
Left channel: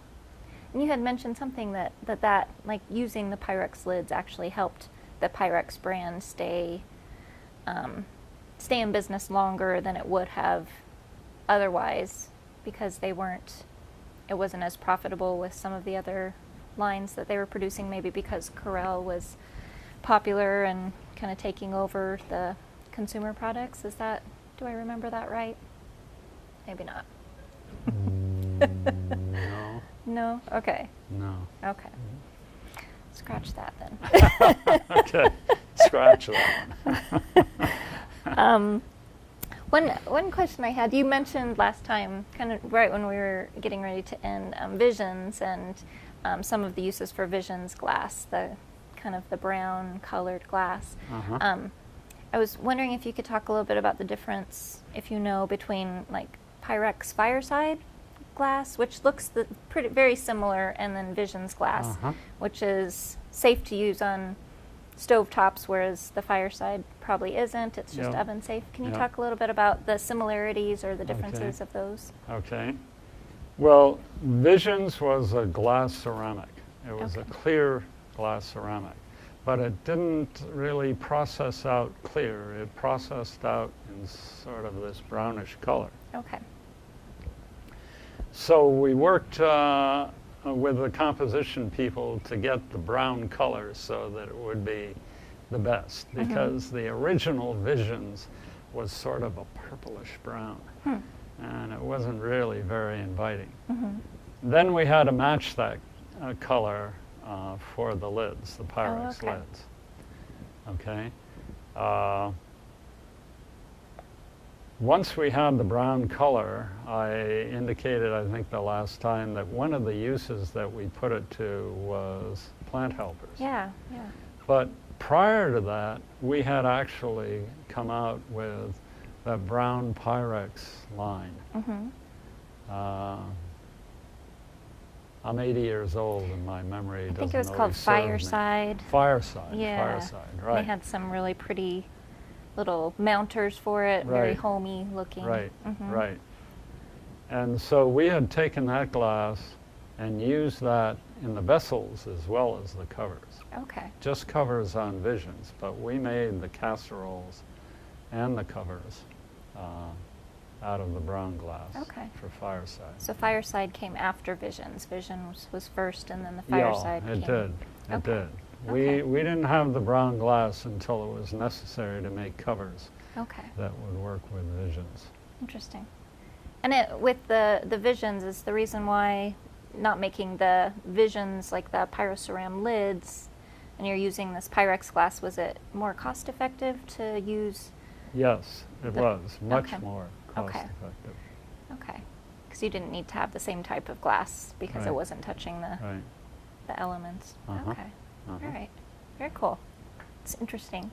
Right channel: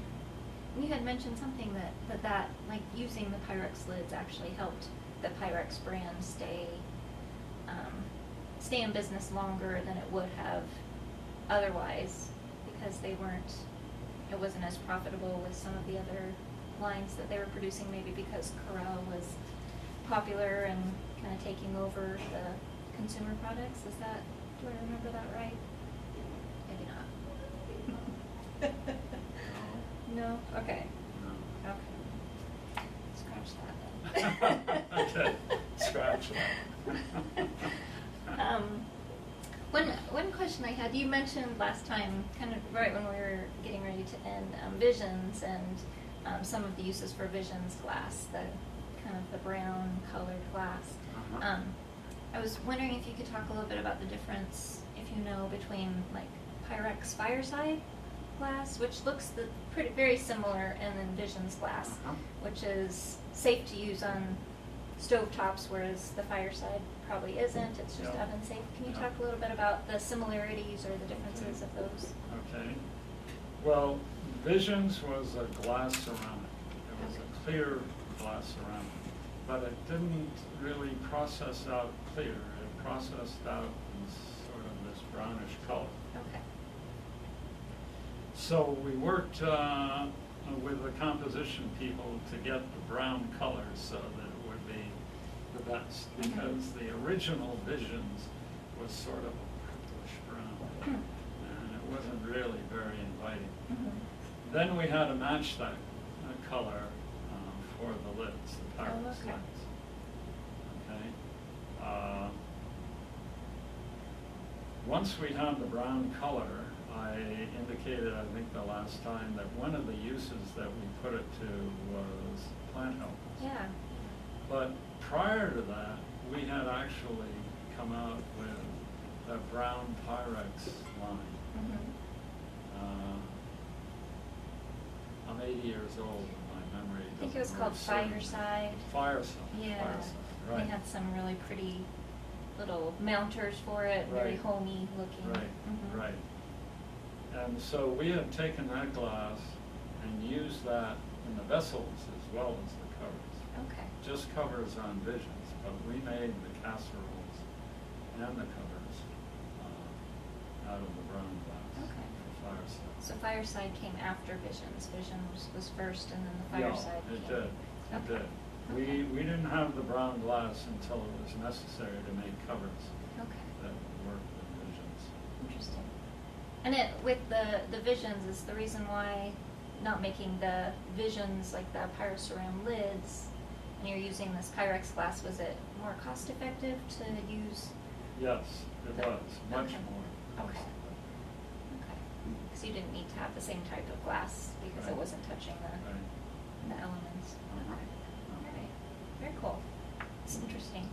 And you had mentioned something that like using the Pyrex lids actually helped the Pyrex brand stay in business longer than it would have otherwise, because it wasn't as profitable with some of the other lines that they were producing, maybe because Corel was popular and kind of taking over the consumer products. Do I remember that right? Maybe not. No. No? Okay. No. Okay. Scratch that then. Okay. Scratch that. One question I had, you mentioned last time, kind of right when we were getting ready to end, visions and some of the uses for visions glass, the kind of the brown colored glass. I was wondering if you could talk a little bit about the difference, if you know, between like Pyrex Fireside glass, which looks very similar, and then Visions glass, which is safe to use on stovetops, whereas the Fireside probably isn't. It's just oven safe. Can you talk a little bit about the similarities or the differences of those? Okay. Well, Visions was a glass ceramic. It was Okay. a clear glass ceramic. But it didn't really process out clear. It processed out in sort of this brownish color. Okay. So we worked with the composition people to get the brown color so that it would be the best, because the original Visions was sort of a purplish brown, and it wasn't really very inviting. Then we had to match that color for the lids, the Pyrex okay. lids. Okay. Once we had the brown color, I indicated, I think the last time, that one of the uses that we put it to was plant helpers. Yeah, yeah. But prior to that, we had actually come out with that brown Pyrex line. I'm 80 years old and my memory doesn't I think it was called always serve me. Fireside. Fireside, Yeah. Fireside, right. They had some really pretty little mounters for it, very Right. homey looking. Right, right. And so we had taken that glass and used that in the vessels as well as the covers. Okay. Just covers on Visions, but we made the casseroles and the covers out of the brown glass Okay. for Fireside. So Fireside came after Visions. Visions was first, and then the Fireside Yeah, it came. did. It Okay. did. Okay. We didn't have the brown glass until it was necessary to make covers Okay. that would work with Visions. Interesting. And it, with the Visions, is the reason why not making the Visions like the pyroceram lids, and you're using this Pyrex glass, was it more cost effective to use? Yes, it The- was much okay. more cost Okay. effective. Okay. Because you didn't need to have the same type of glass because it Right. wasn't touching Right. the elements. Uh-huh. Okay. Uh-huh. All right. Very cool. It's interesting.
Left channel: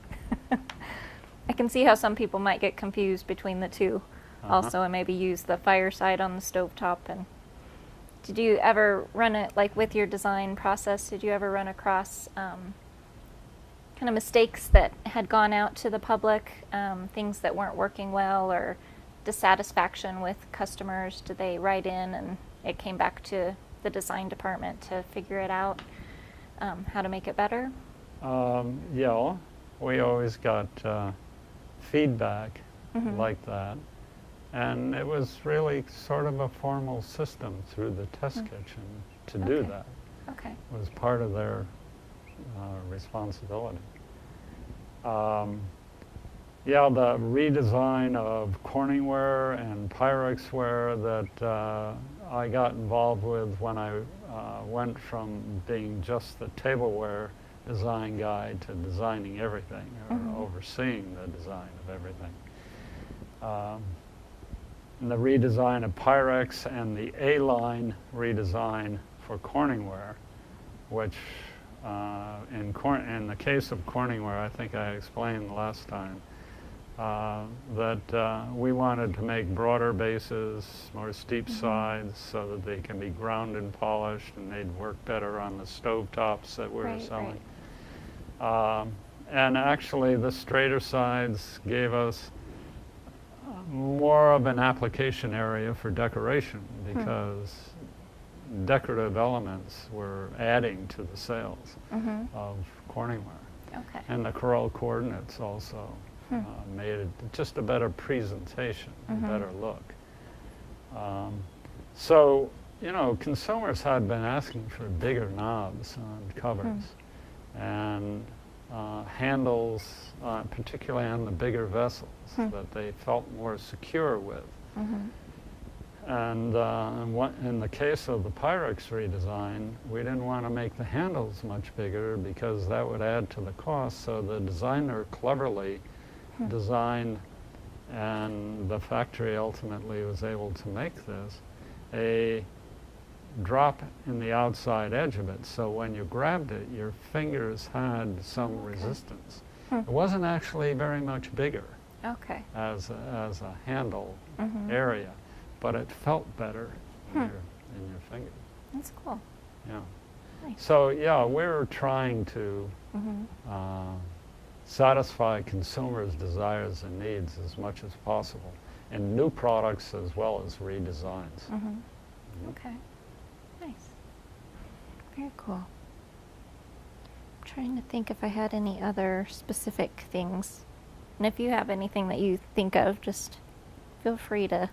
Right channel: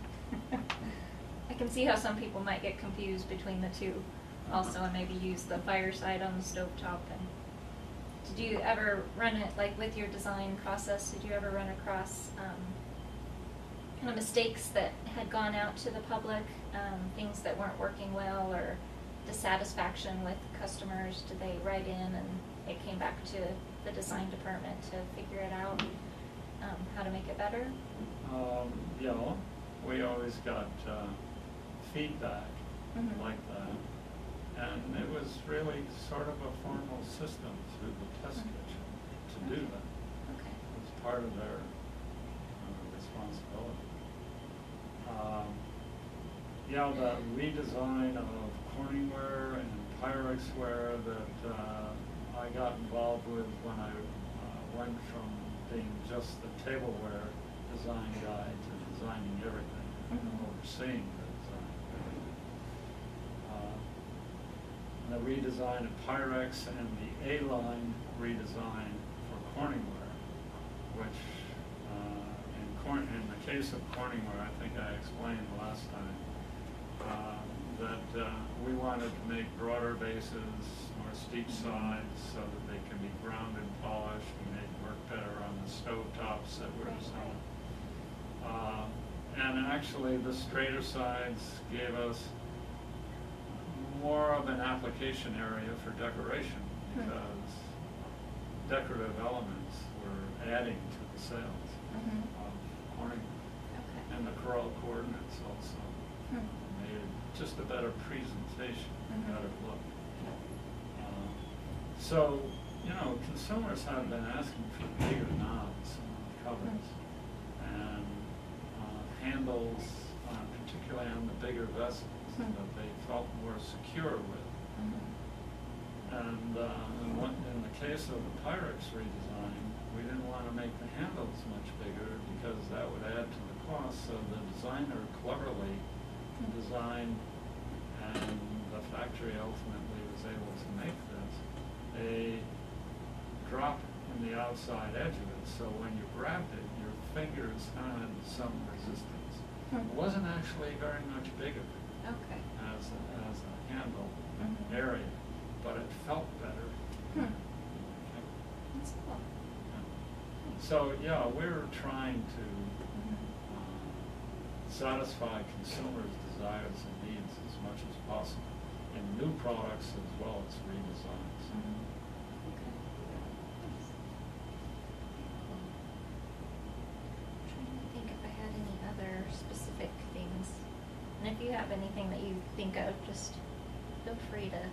I can see how some people might get confused between the two also, and maybe use the Fireside on the stovetop. And did you ever run it, like with your design process, did you ever run across kind of mistakes that had gone out to the public, things that weren't working well, or dissatisfaction with customers? Did they write in and it came back to the design department to figure it out, how to make it better? Yeah, we always got feedback Mhm. like that. And it was really sort of a formal system through the test kitchen to do Okay. that. Okay. It was part of their responsibility. Yeah, the redesign of Corningware and Pyrexware that I got involved with when I went from being just the tableware design guy to designing everything, or overseeing the design of everything. And the redesign of Pyrex and the A-line redesign for Corningware, which in the case of Corningware, I think I explained last time, that we wanted to make broader bases, more steep sides, so that they can be ground and polished, and they'd work better on the stovetops that we were Right, selling. And actually, the straighter sides gave us more of an application area for decoration, because decorative elements were adding to the sales of Corningware. Okay. And the Corel coordinates also made it just a better presentation, a better look. So, you know, consumers had been asking for bigger knobs on covers and handles, particularly on the bigger vessels, that they felt more secure with. And in the case of the Pyrex redesign, we didn't want to make the handles much bigger because that would add to the cost. So the designer cleverly designed, and the factory ultimately was able to make this, a drop in the outside edge of it. So when you grabbed it, your fingers had some resistance. It wasn't actually very much bigger Okay. as a handle area, but it felt better in your finger. That's cool. Yeah. Nice. So yeah, we're trying to satisfy consumers' desires and needs as much as possible in new products as well as redesigns. Okay. Nice. Very cool. I'm trying to think if I had any other specific things. And if you have anything that you think of, just feel free to.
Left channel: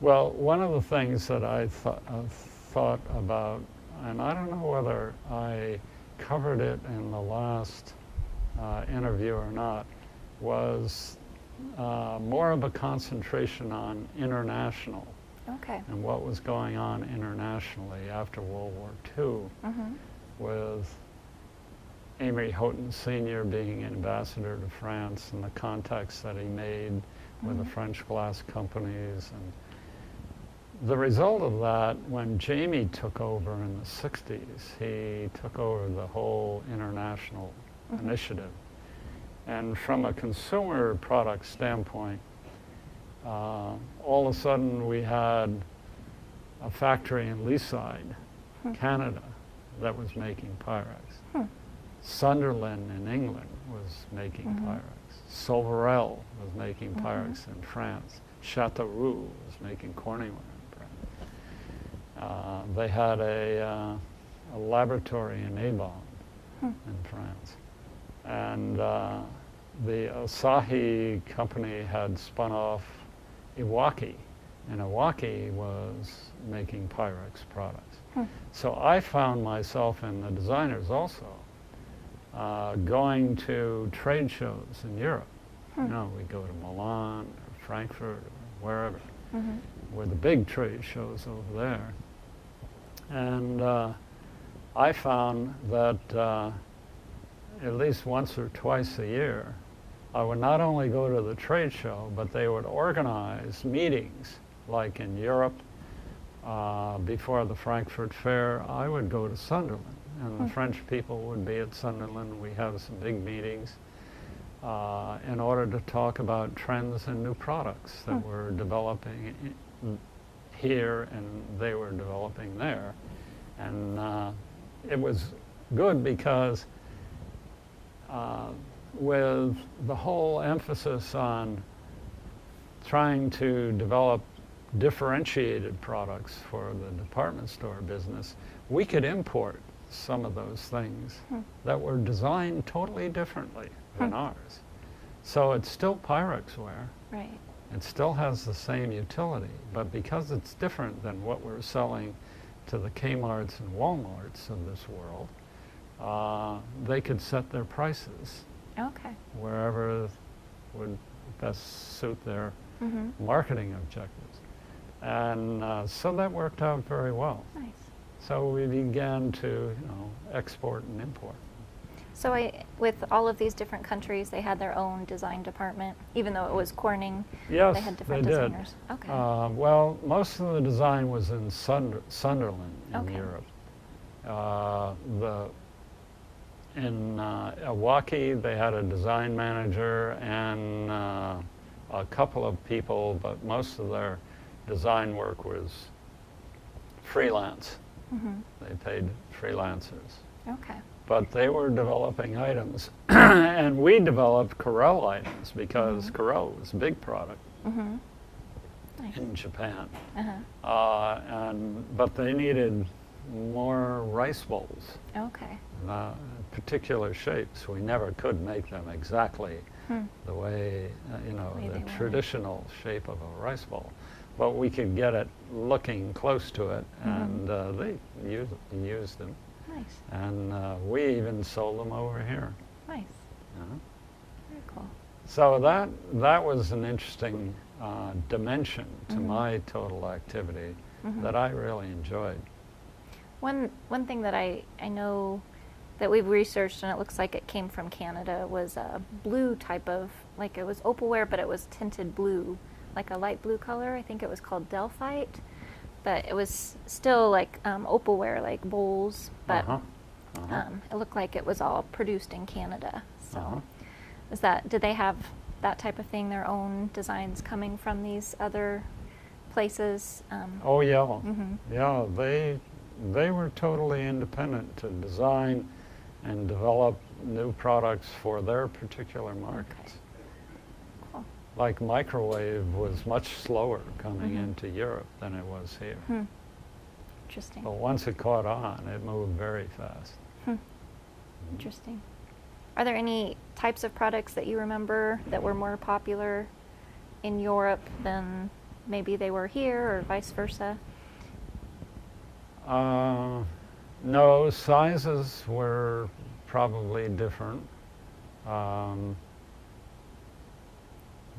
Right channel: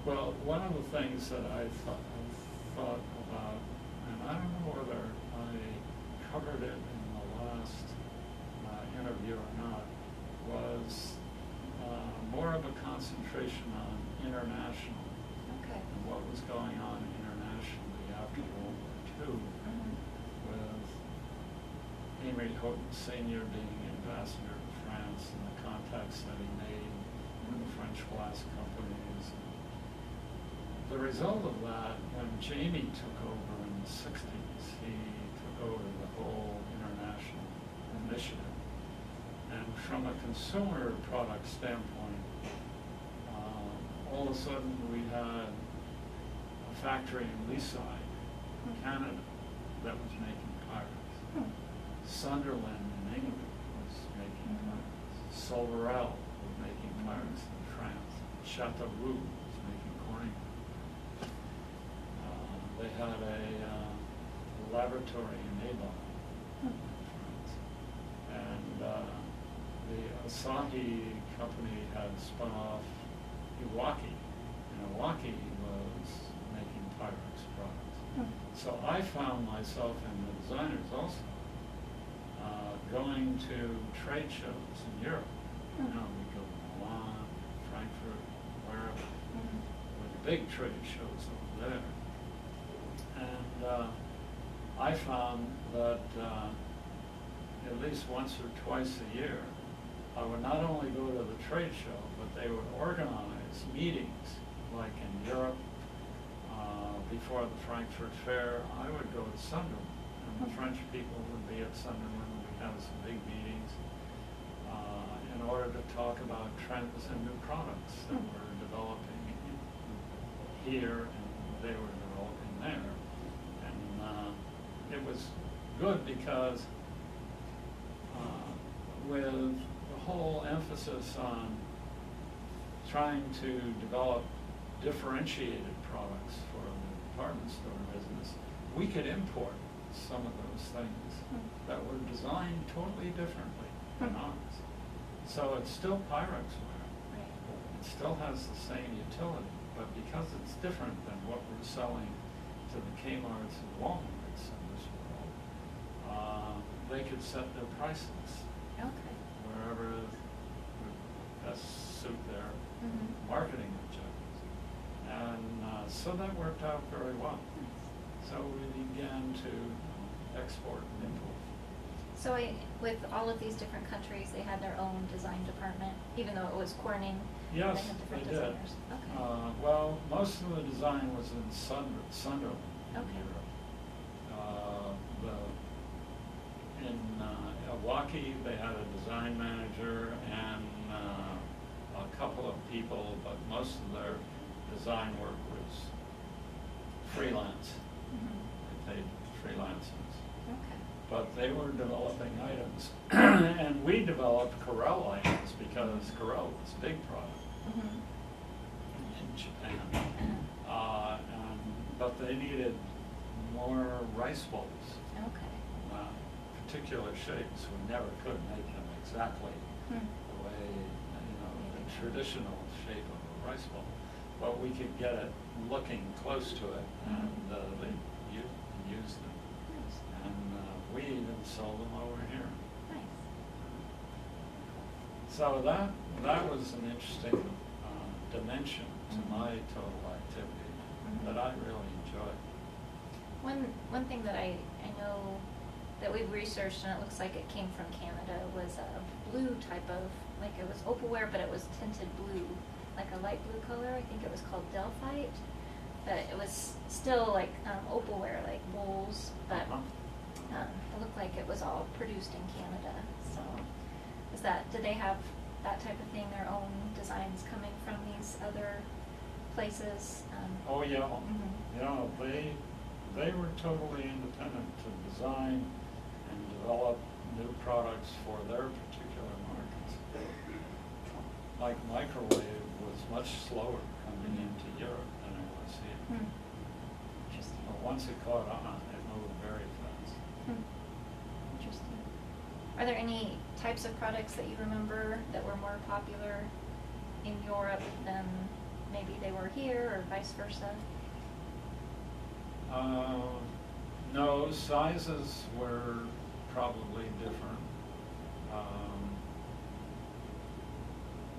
Well, one of the things that I thought about, and I don't know whether I covered it in the last interview or not, was more of a concentration on international Okay. and what was going on internationally after World War II, with Amory Houghton Sr. being ambassador to France and the contacts that he made with the French glass companies. And the result of that, when Jamie took over in the 60s, he took over the whole international initiative. And from a consumer product standpoint, all of a sudden we had a factory in Leaside, Canada, that was making Pyrex. Sunderland in England was making Pyrex. Sovarel was making Pyrex in France. Châteauroux was making Corning. They had a laboratory in Opal in France. And the Asahi company had spun off Iwaki, and Iwaki was making Pyrex products. So I found myself and the designers also going to trade shows in Europe. You know, we go to Milan, Frankfurt, wherever, were the big trade shows over there. And I found that at least once or twice a year, I would not only go to the trade show, but they would organize meetings, like in Europe, before the Frankfurt Fair. I would go to Sunderland, and the French people would be at Sunderland. We had some big meetings in order to talk about trends and new products that were developing here and they were developing there. And it was good because with the whole emphasis on trying to develop differentiated products for the department store business, we could import some of those things that were designed totally differently than ours. So it's still Pyrex ware. Right. It still has the same utility, but because it's different than what we're selling to the Kmarts and Walmarts of this world, they could set their prices Okay. wherever would best suit their marketing objectives. And so that worked out very well. Nice. So we began to, export and import. So with all of these different countries, they had their own design department, even though it was Corning. Yes, they had different they did. designers. Okay. Well, most of the design was in Sunderland in Okay. Europe. In Iwaki, they had a design manager and a couple of people, but most of their design work was freelance. They paid freelancers. Okay. But they were developing items, and we developed Corel items because Corel was a big product in Japan. But they needed more rice bowls, Okay. particular shapes. We never could make them exactly the way, Way the they were. traditional shape of a rice bowl. But we could get it looking close to it, and they used it. Nice. And we even sold them over here. Nice. Very cool. So that was an interesting dimension to my total activity that I really enjoyed. One thing that I know that we've researched, and it looks like it came from Canada, was a blue type of, like it was opalware, but it was tinted blue, like a light blue color. I think it was called Delphite, but it was still like opalware, like bowls, but it looked like it was all produced in Canada. So, did they have that type of thing, their own designs coming from these other places? Oh yeah, yeah. They were totally independent to design and develop new products for their particular markets. Cool. like microwave was much slower coming Mhm. into Europe than it was here. Hmm. Interesting. But once it caught on, it moved very fast. Hmm. Interesting. Are there any types of products that you remember that were more popular in Europe than maybe they were here, or vice versa? No, sizes were probably different.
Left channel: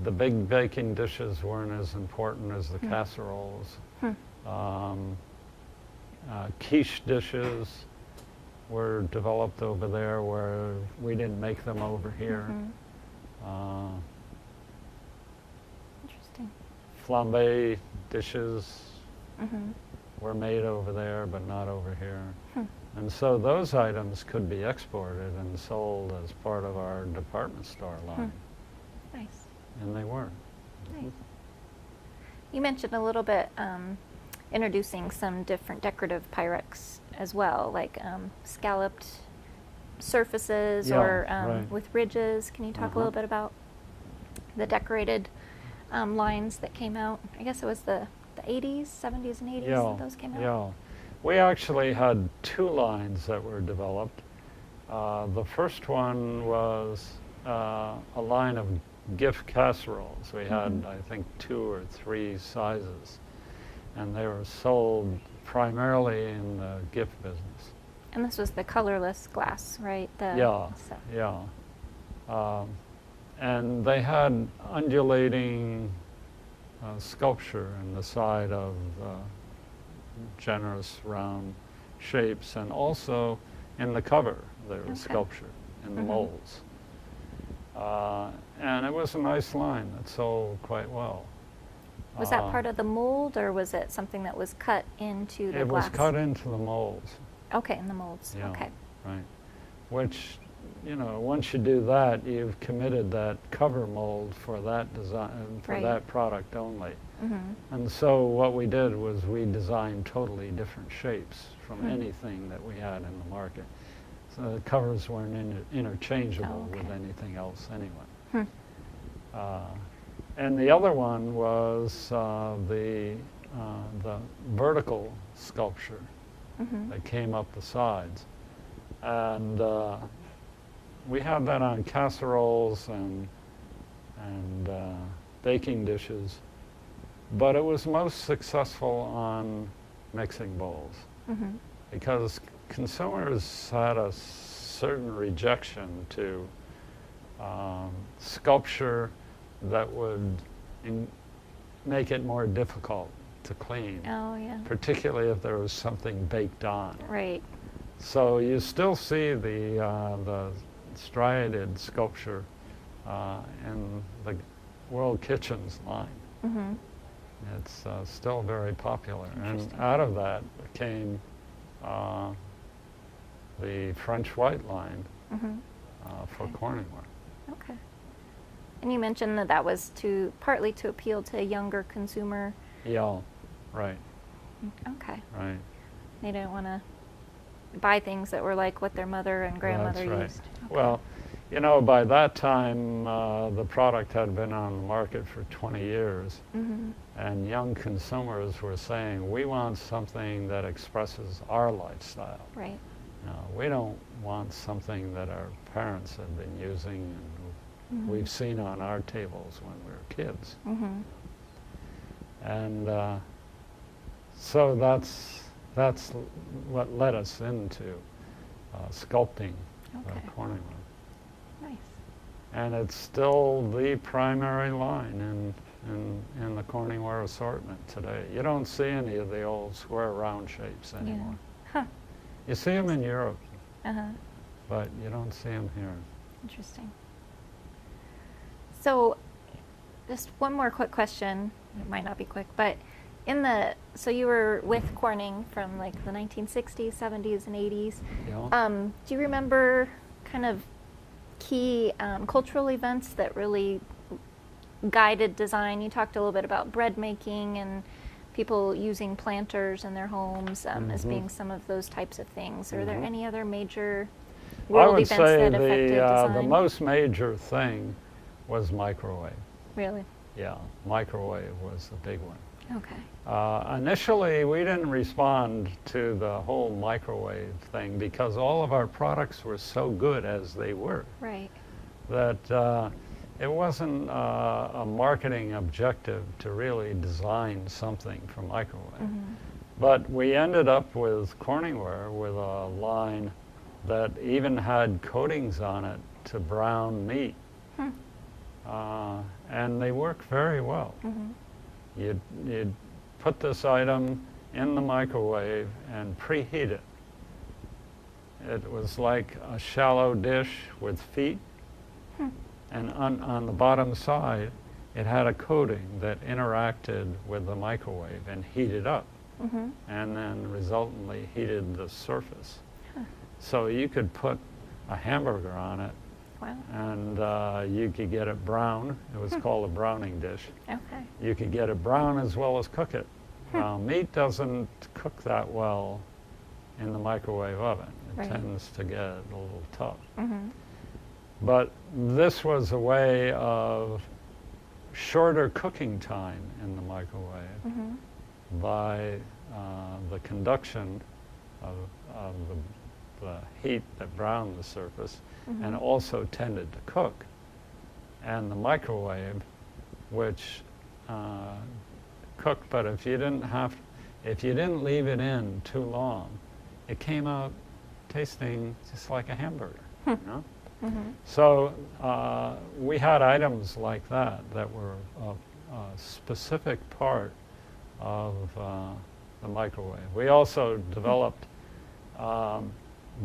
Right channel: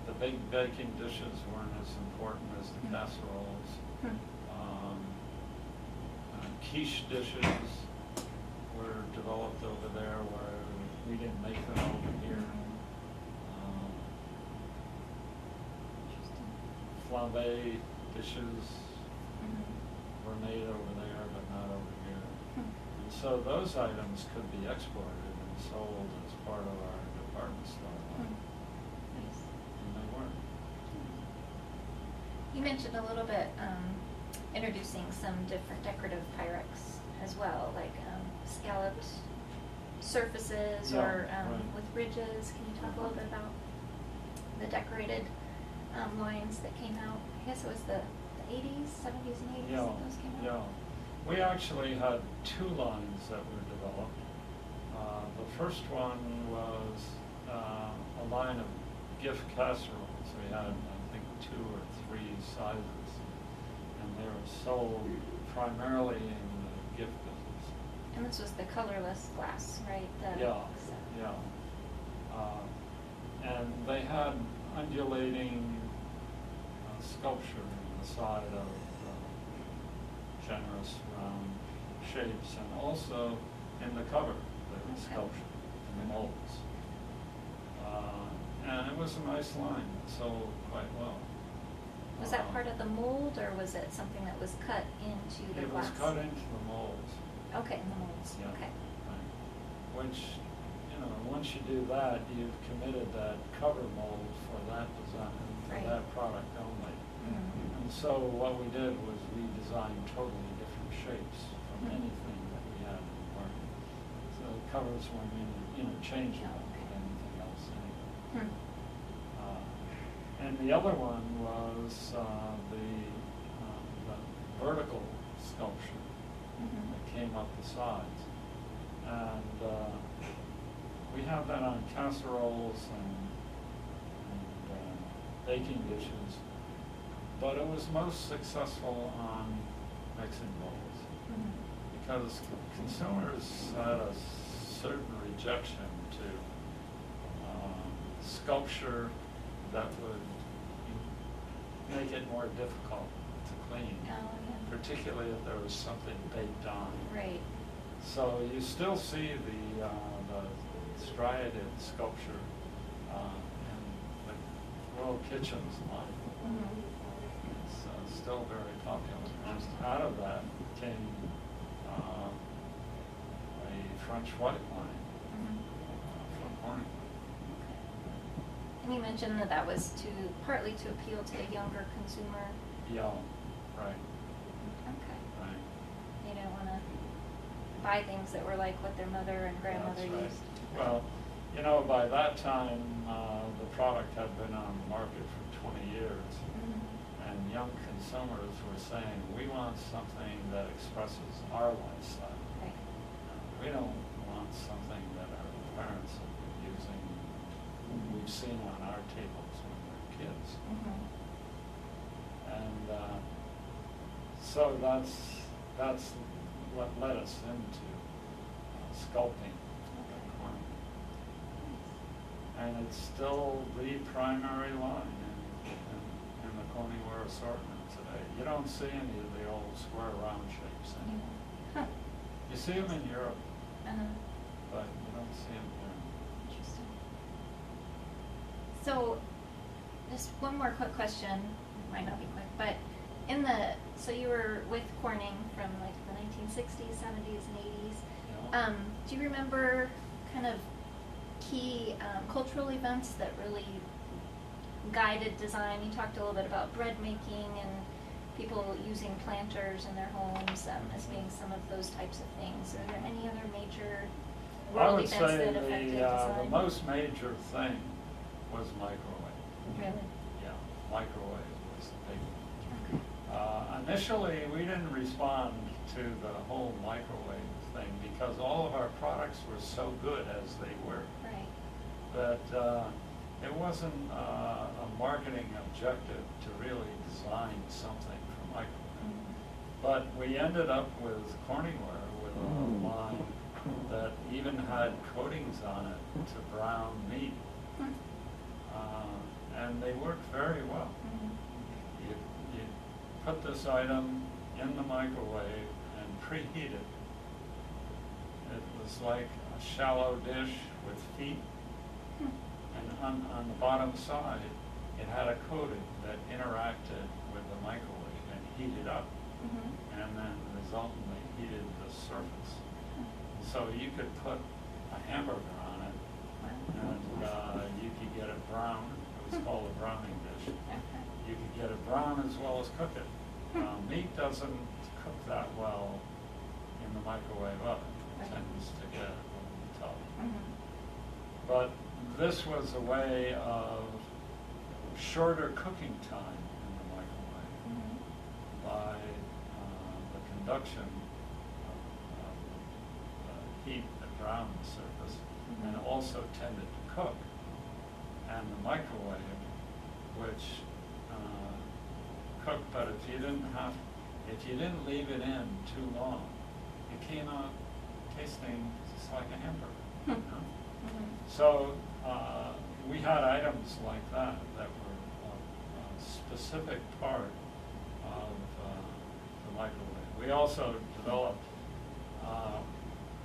The big baking dishes weren't as important as the Hmm. casseroles. Hmm. Um, quiche dishes were developed over there where we didn't make them over here. Mhm. Interesting. Flambe dishes Mhm. were made over there, but not over here. Hmm. And so those items could be exported and sold as part of our department store line. Hmm. Nice. And they were. Nice. You mentioned a little bit introducing some different decorative Pyrex as well, like scalloped surfaces Yeah, or right. with ridges. Can you talk a Uh-huh. little bit about the decorated lines that came out? I guess it was the 80s, 70s, and 80s that those came out? Yeah. We actually had two lines that were developed. The first one was a line of gift casseroles. We had, Mhm. I think, 2 or 3 sizes, and they were sold primarily in the gift business. And this was the colorless glass, right? Yeah, set. yeah. And they had undulating sculpture in the side of generous round shapes, and also in the cover there was Okay. sculpture in the Mhm. molds. And it was a nice line that sold quite well. Was that part of the mold, or was it something that was cut into the It glass? was cut into the molds. Okay, in the molds. Yeah, Okay. right. Which, once you do that, you've committed that cover mold for that design, for Right. that product only. Mm-hmm. And so what we did was we designed totally different shapes from Hmm. anything that we had in the market. So the covers weren't interchangeable Oh, okay. with anything else anyway. Hmm. And the other one was the vertical sculpture Mm-hmm. that came up the sides. And we had that on casseroles and baking dishes, but it was most successful on mixing bowls Mm-hmm. because consumers had a certain rejection to sculpture that would make it more difficult to clean, Oh, yeah. particularly if there was something baked on. Right. So you still see the striated sculpture in the World Kitchens line. Mm-hmm. It's still very popular. And Interesting. out of that came the French white line Mm-hmm. for Okay. Corningware. Okay. And you mentioned that was partly to appeal to a younger consumer. Yeah, right, Okay. right. They didn't want to buy things that were like what their mother and grandmother That's right. used. Well, by that time, the product had been on the market for 20 years, Mm-hmm. and young consumers were saying, we want something that expresses our lifestyle. Right. We don't want something that our parents have been using, Mhm. we've seen on our tables when we were kids. Mm-hmm. And so that's what led us into sculpting Okay. Corningware. Nice. And it's still the primary line in the Corningware assortment today. You don't see any of the old square round shapes anymore. Yeah. Huh. You see them in Europe, Uh-huh. but you don't see them here. Interesting. So, just one more quick question. It might not be quick, but so you were with Corning from like the 1960s, 70s, and 80s. Do you remember kind of key cultural events that really guided design? You talked a little bit about bread making and people using planters in their homes as Mhm. being some of those types of things. Are there Mhm. any other major I world would events say that affected design? the most major thing was microwave. Really? Yeah, microwave was the big one. Okay. Initially, we didn't respond to the whole microwave thing because all of our products were so good as they were Right. that it wasn't a marketing objective to really design something for microwave. Mhm. But we ended up with Corningware with a line that even had coatings on it to brown meat. Hmm. And they work very well. Mhm. You'd put this item in the microwave and preheat it. It was like a shallow dish with feet, and on the bottom side, it had a coating that interacted with the microwave and heated up, Mhm. and then resultantly heated the surface. Huh. So you could put a hamburger on it, Wow. and you could get it brown. It was called a browning dish. Okay. You could get it brown as well as cook it. Now, meat doesn't cook that well in the microwave oven. It Right. tends to get a little tough. Mhm. But this was a way of shorter cooking time in the microwave Mhm. by the conduction of the heat that browned the surface and Mhm. also tended to cook. And the microwave, which cooked, but if you didn't leave it in too long, it came out tasting just like a hamburger, you know? Mhm. So we had items like that were a specific part of the microwave. We also developed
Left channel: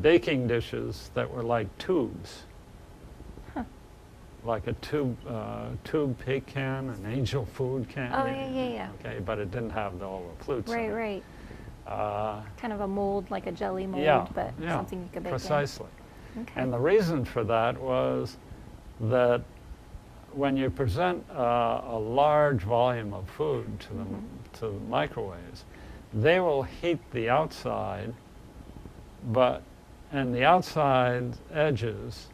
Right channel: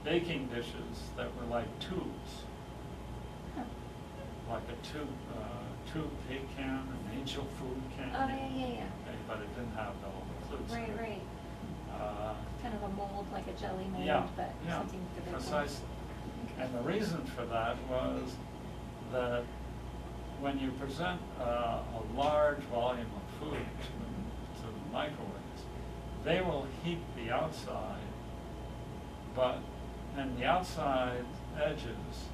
baking dishes that were like tubes, Huh. like a tube cake can, an angel food can. Oh, yeah. Okay, but it didn't have all the flutes. Right, in it. right. Uh, Kind of a mold, like a jelly mold, yeah, but yeah, something you could bake precisely. in. Okay. And the reason for that was that when you present a large volume of food to the microwaves, they will heat the outside, and the outside edges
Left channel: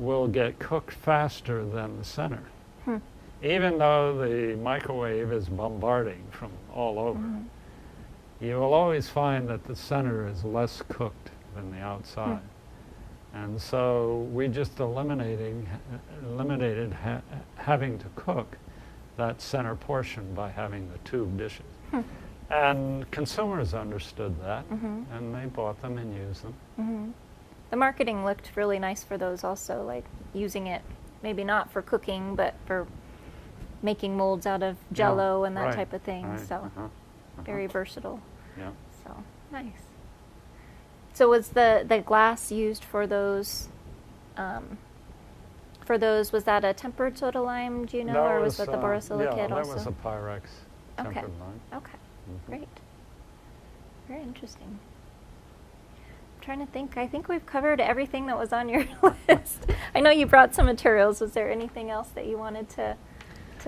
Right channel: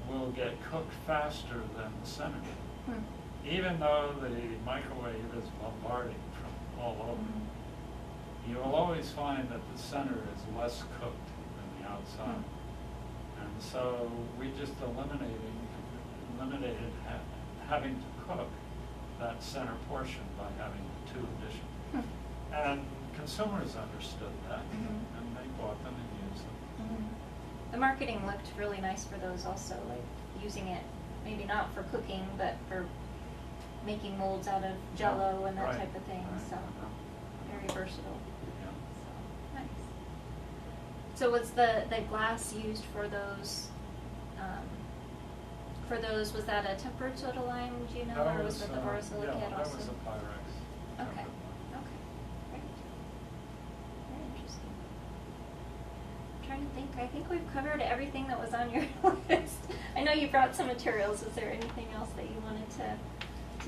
will get cooked faster than the center, even though the microwave is bombarding from all over. You will always find that the center is less cooked than the outside. And so we just eliminated having to cook that center portion by having the tube dishes. And consumers understood that, and they bought them and used them. The marketing looked really nice for those also, like using it maybe not for cooking, but for making molds out of Jello and that right, type of thing. right, So very uh-huh. versatile. Yeah. So nice. So was the glass used for those? Was that a tempered soda lime? Do you know, or was that the borosilicate yeah, also? that was a Pyrex tempered Okay. lime. Okay, great. Very interesting. I'm trying to think. I think we've covered everything that was on your list. I know you brought some materials. Was there anything else that you wanted to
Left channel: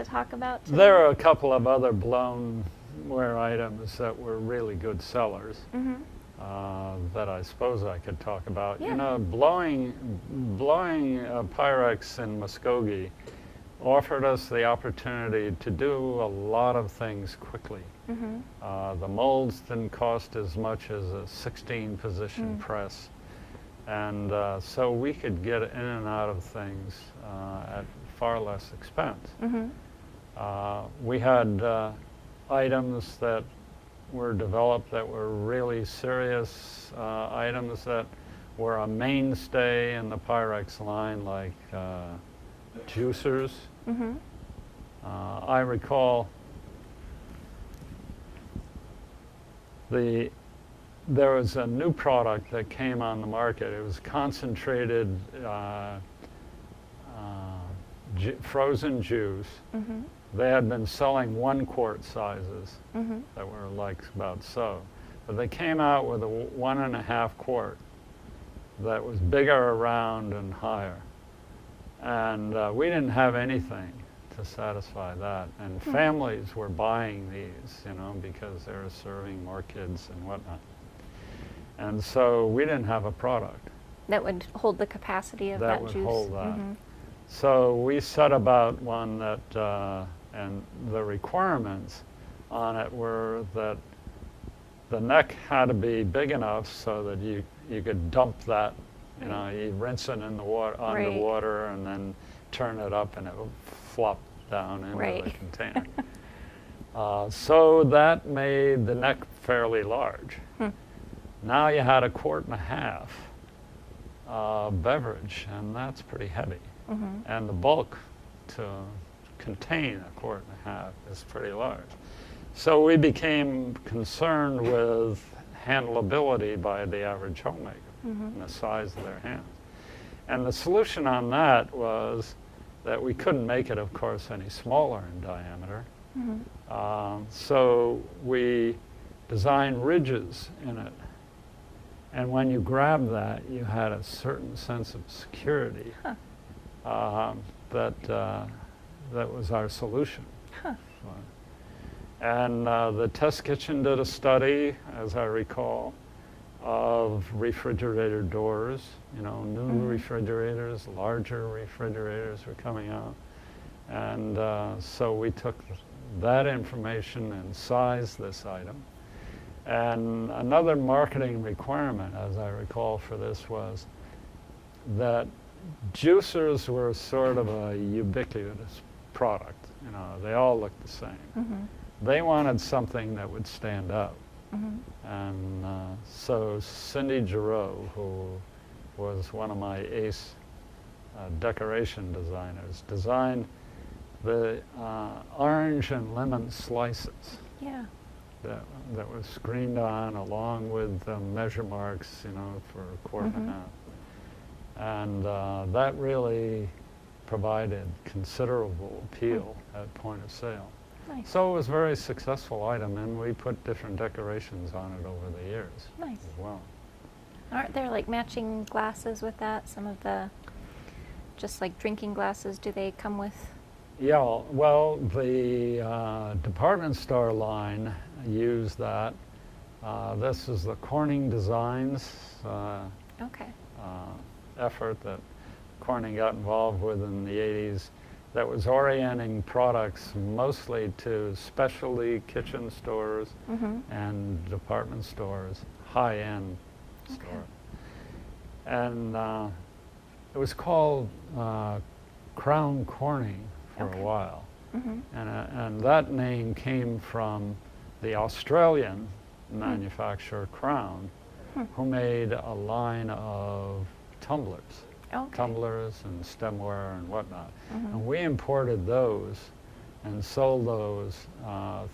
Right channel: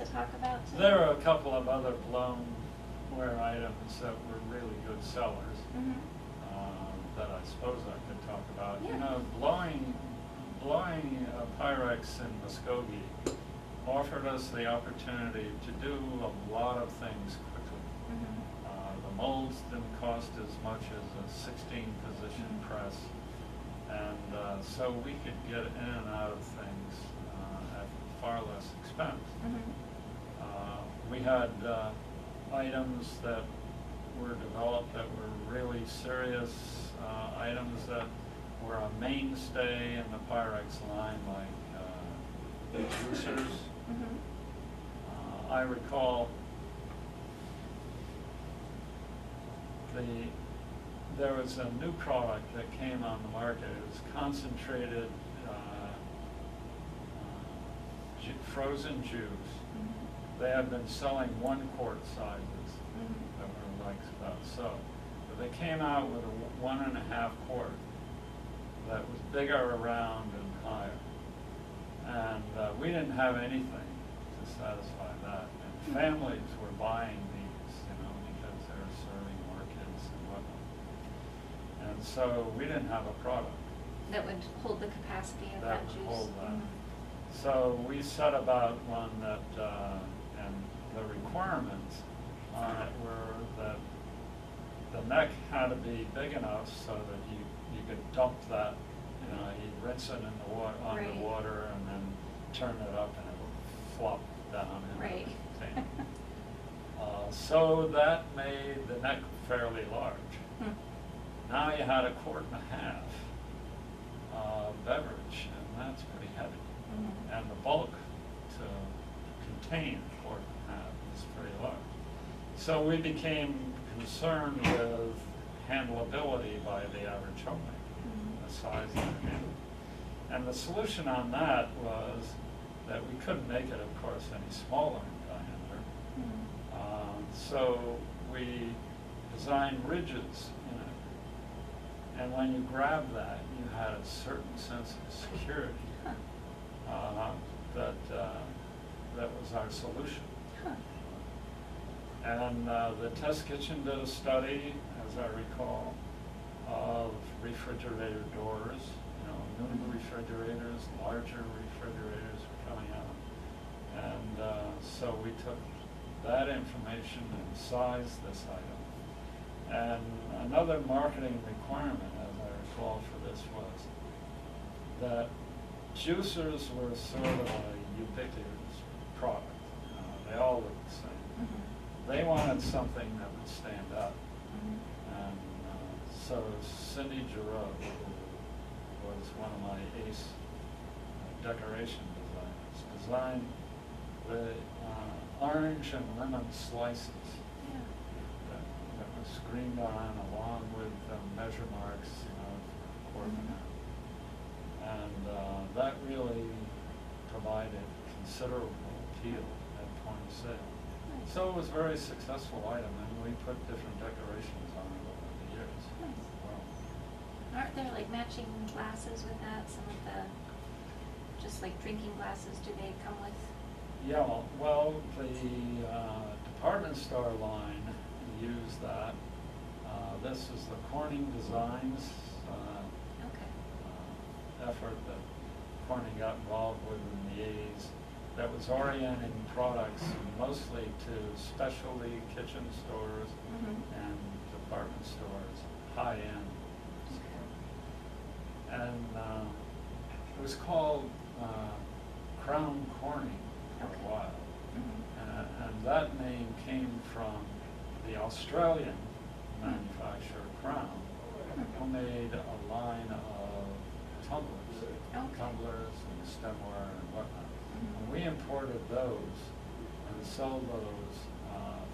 talk about today? There are a couple of other blownware items that were really good sellers that I suppose I could talk about. Yeah. You know, blowing Pyrex in Muskogee offered us the opportunity to do a lot of things quickly. The molds didn't cost as much as a 16-position press, and so we could get in and out of things at far less expense. We had items that were developed that were really serious items that were a mainstay in the Pyrex line, like juicers. I recall there was a new product that came on the market. It was concentrated frozen juice. They had been selling 1-quart sizes that were like about so. But they came out with a 1.5 quart that was bigger around and higher. And we didn't have anything to satisfy that. And families were buying these, you know, because they were serving more kids and whatnot. And so we didn't have a product that would hold the capacity of that would juice. hold that. So we set about one that, and the requirements on it were that the neck had to be big enough so that you could dump that, you rinse it in the water, underwater, and then turn it up and it would flop down into the container. So that made the neck fairly large. Now you had 1.5 quart beverage, and that's pretty heavy. And the bulk to contain 1.5 quart is pretty large. So we became concerned with handleability by the average homemaker and the size of their hands. And the solution on that was that we couldn't make it, of course, any smaller in diameter. So we designed ridges in it. And when you grabbed that, you had a certain sense of security. That was our solution. And the test kitchen did a study, as I recall, of refrigerator doors. New refrigerators, larger refrigerators were coming out. And so we took that information and sized this item. And another marketing requirement, as I recall, for this was that juicers were sort of a ubiquitous product. They all looked the same. They wanted something that would stand up. And so Cindy Giroux, who was one of my ace decoration designers, designed the orange and lemon slices that was screened on along with measure marks, for 1.5 quart. And that really provided considerable appeal at point of sale. Nice. So it was a very successful item, and we put different decorations on it over the years as well. Aren't there like matching glasses with that? Some of the, just like drinking glasses, do they come with? Yeah, well, the department store line used that. This is the Corning Designs effort that Corning got involved with in the 80s, that was orienting products mostly to specialty kitchen stores and department stores, high-end stores. And it was called Crown Corning for a while. And that name came from the Australian manufacturer Crown, who made a line of tumblers. Tumblers and stemware and whatnot. And we imported those and sold those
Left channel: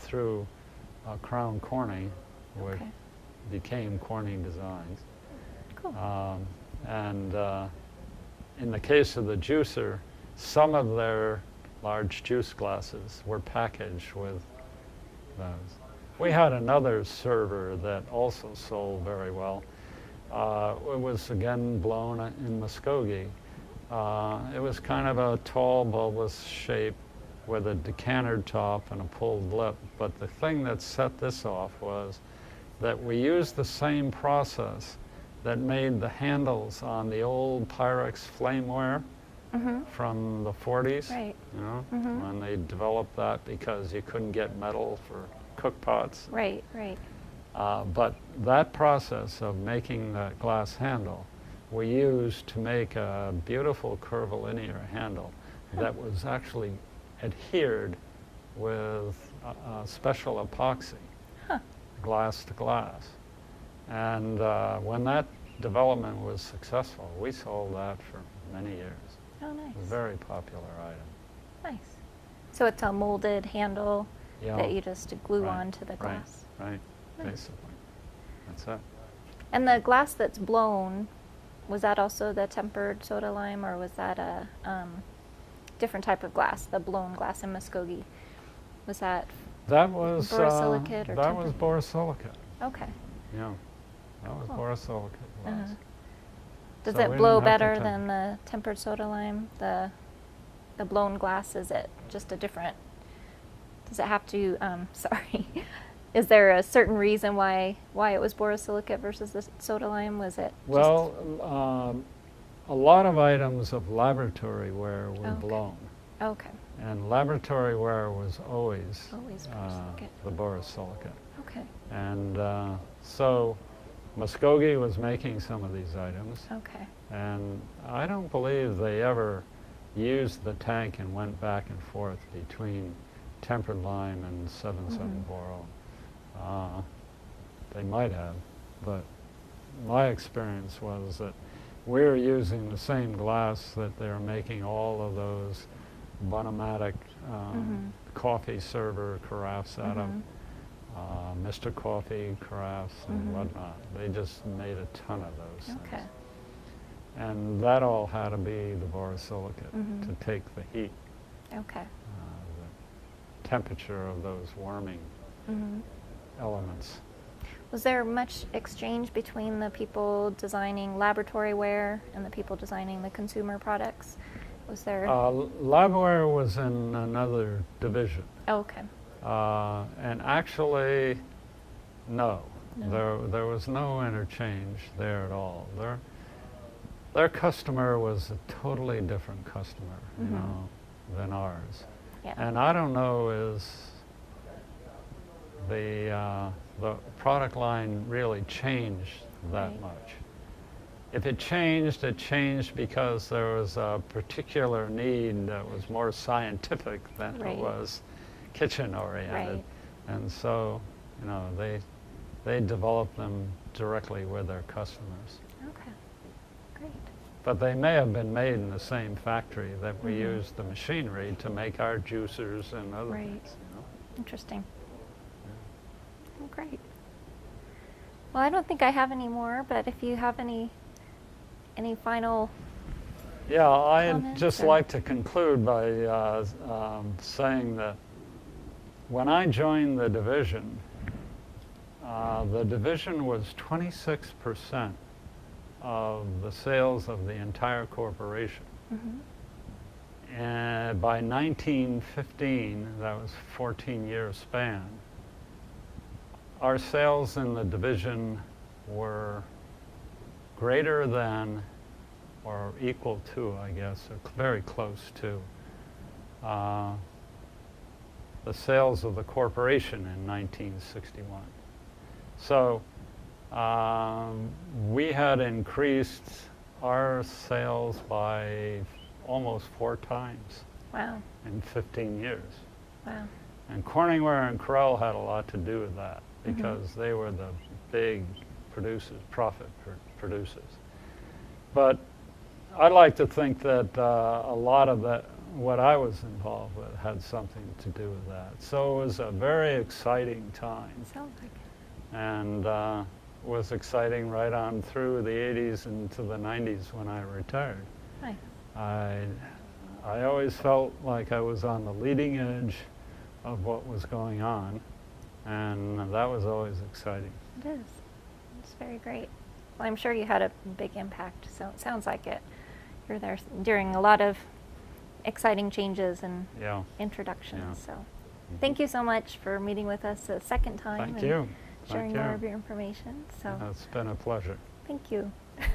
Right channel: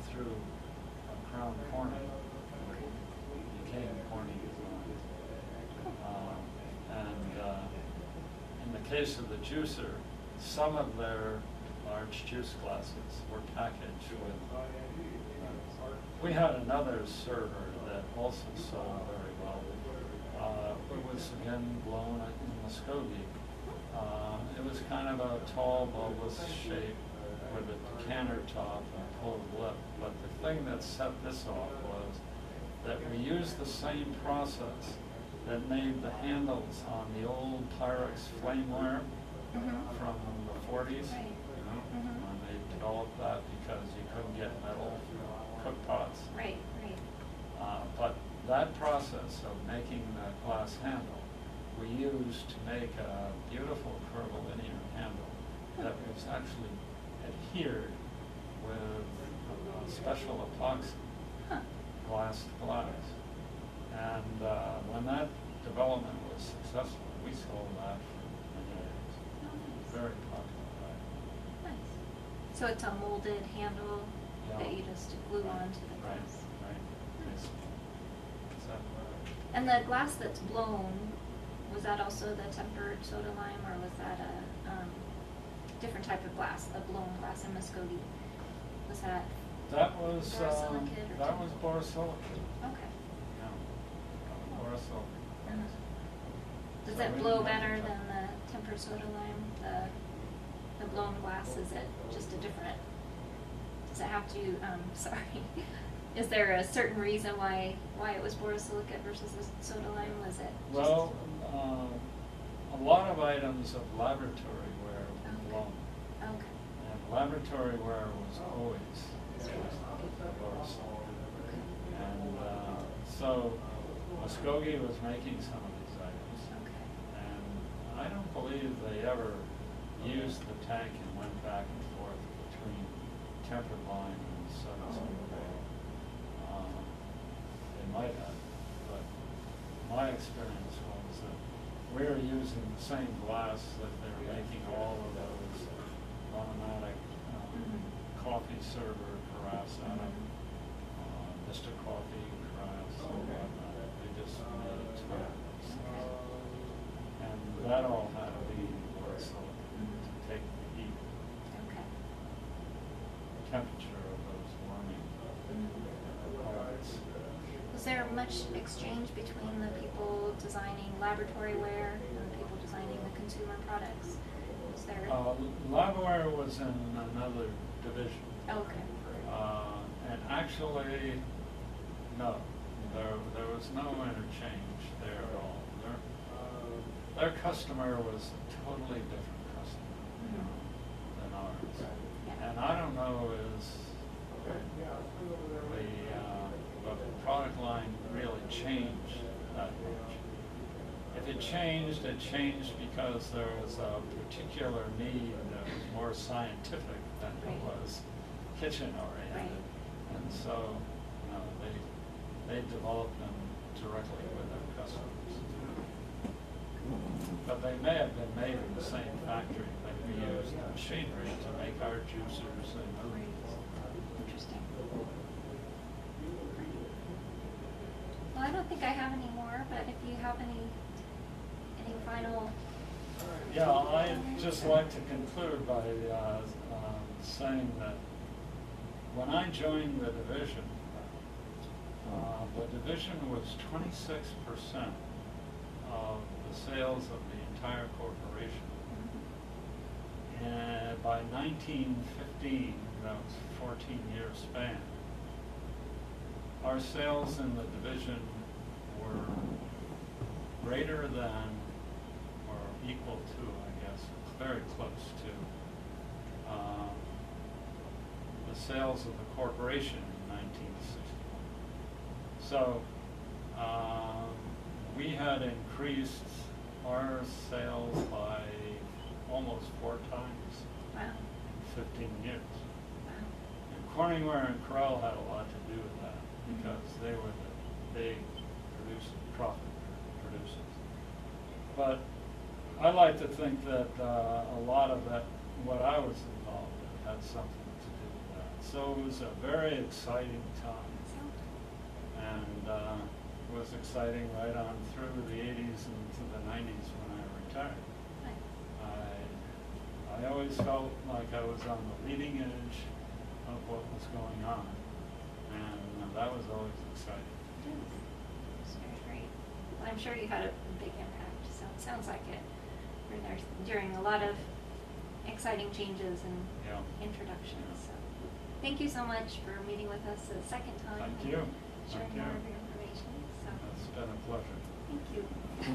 through Crown Corning, which became Corning Designs. And in the case of the juicer, some of their large juice glasses were packaged with those. We had another server that also sold very well. It was again blown in Muskogee. It was kind of a tall, bulbous shape with a decanter top and a pulled lip. But the thing that set this off was that we used the same process that made the handles on the old Pyrex flameware from the 40s, when they developed that because you couldn't get metal for cook pots. But that process of making that glass handle, we used to make a beautiful curvilinear handle that was actually adhered with special epoxy, glass to glass. And when that development was successful, we sold that for many years. Oh, nice. It was a very popular item. Nice. So it's a molded handle that you just glue onto the glass. Right. Nice. Basically. That's it. And the glass that's blown, was that also the tempered soda lime, or was that a different type of glass, the blown glass in Muskogee? Was that That was borosilicate or that was tempered? borosilicate. Okay. Yeah, that was Cool. borosilicate. Does So it we blow didn't have to better than the tempered soda lime? The blown glass, is it just a different? Does it have to? Sorry. Is there a certain reason why it was borosilicate versus the soda lime? Was it? Well, a lot of items of laboratory ware were Okay. blown. Okay. And laboratory ware was always Always borosilicate. the borosilicate. Okay. And so Muskogee was making some of these items. Okay. And I don't believe they ever used the tank and went back and forth between tempered line and 77 Boral. They might have, but my experience was that we were using the same glass that they're making all of those Bonomatic coffee server carafes out of, Mr. Coffee carafes and whatnot. They just made a ton of those Okay. things. And that all had to be the borosilicate to take the heat, Okay. temperature of those warming elements. Was there much exchange between the people designing laboratory ware and the people designing the consumer products? Was there? Labware was in another division. Oh, okay. And actually, no, No. there was no interchange there at all. Their customer was a totally different customer, you know, than ours. Yeah. And I don't know is the product line really changed that much. If it changed because there was a particular need that was more scientific than it was kitchen oriented. Right. And so, you know, they developed them directly with their customers. Okay. Great. But they may have been made in the same factory that we used the machinery to make our juicers and other Right. things. Interesting. Great. Well, I don't think I have any more, but if you have any final. Yeah, I'd comments just or- like to conclude by saying that when I joined the division was 26% of the sales of the entire corporation. And by 1915, that was a 14-year span, our sales in the division were greater than or equal to, I guess, or very close to the sales of the corporation in 1961. So we had increased our sales by almost 4 times Wow. in 15 years. Wow. And Corningware and Corel had a lot to do with that because they were the big profit producers. But I like to think that a lot of that, what I was involved with, had something to do with that. So it was a very exciting time, Sounds like and was exciting right on through the 80s into the 90s when I retired. it. Nice. I always felt like I was on the leading edge of what was going on, and that was always exciting. It is. It's very great. Well, I'm sure you had a big impact, so it sounds like it. You're there during a lot of exciting changes and Yeah. introductions. Yeah. So thank you so much for meeting with us a second time Thank and you. sharing Thank more you. of your information. So It's been a pleasure. thank you. Yeah.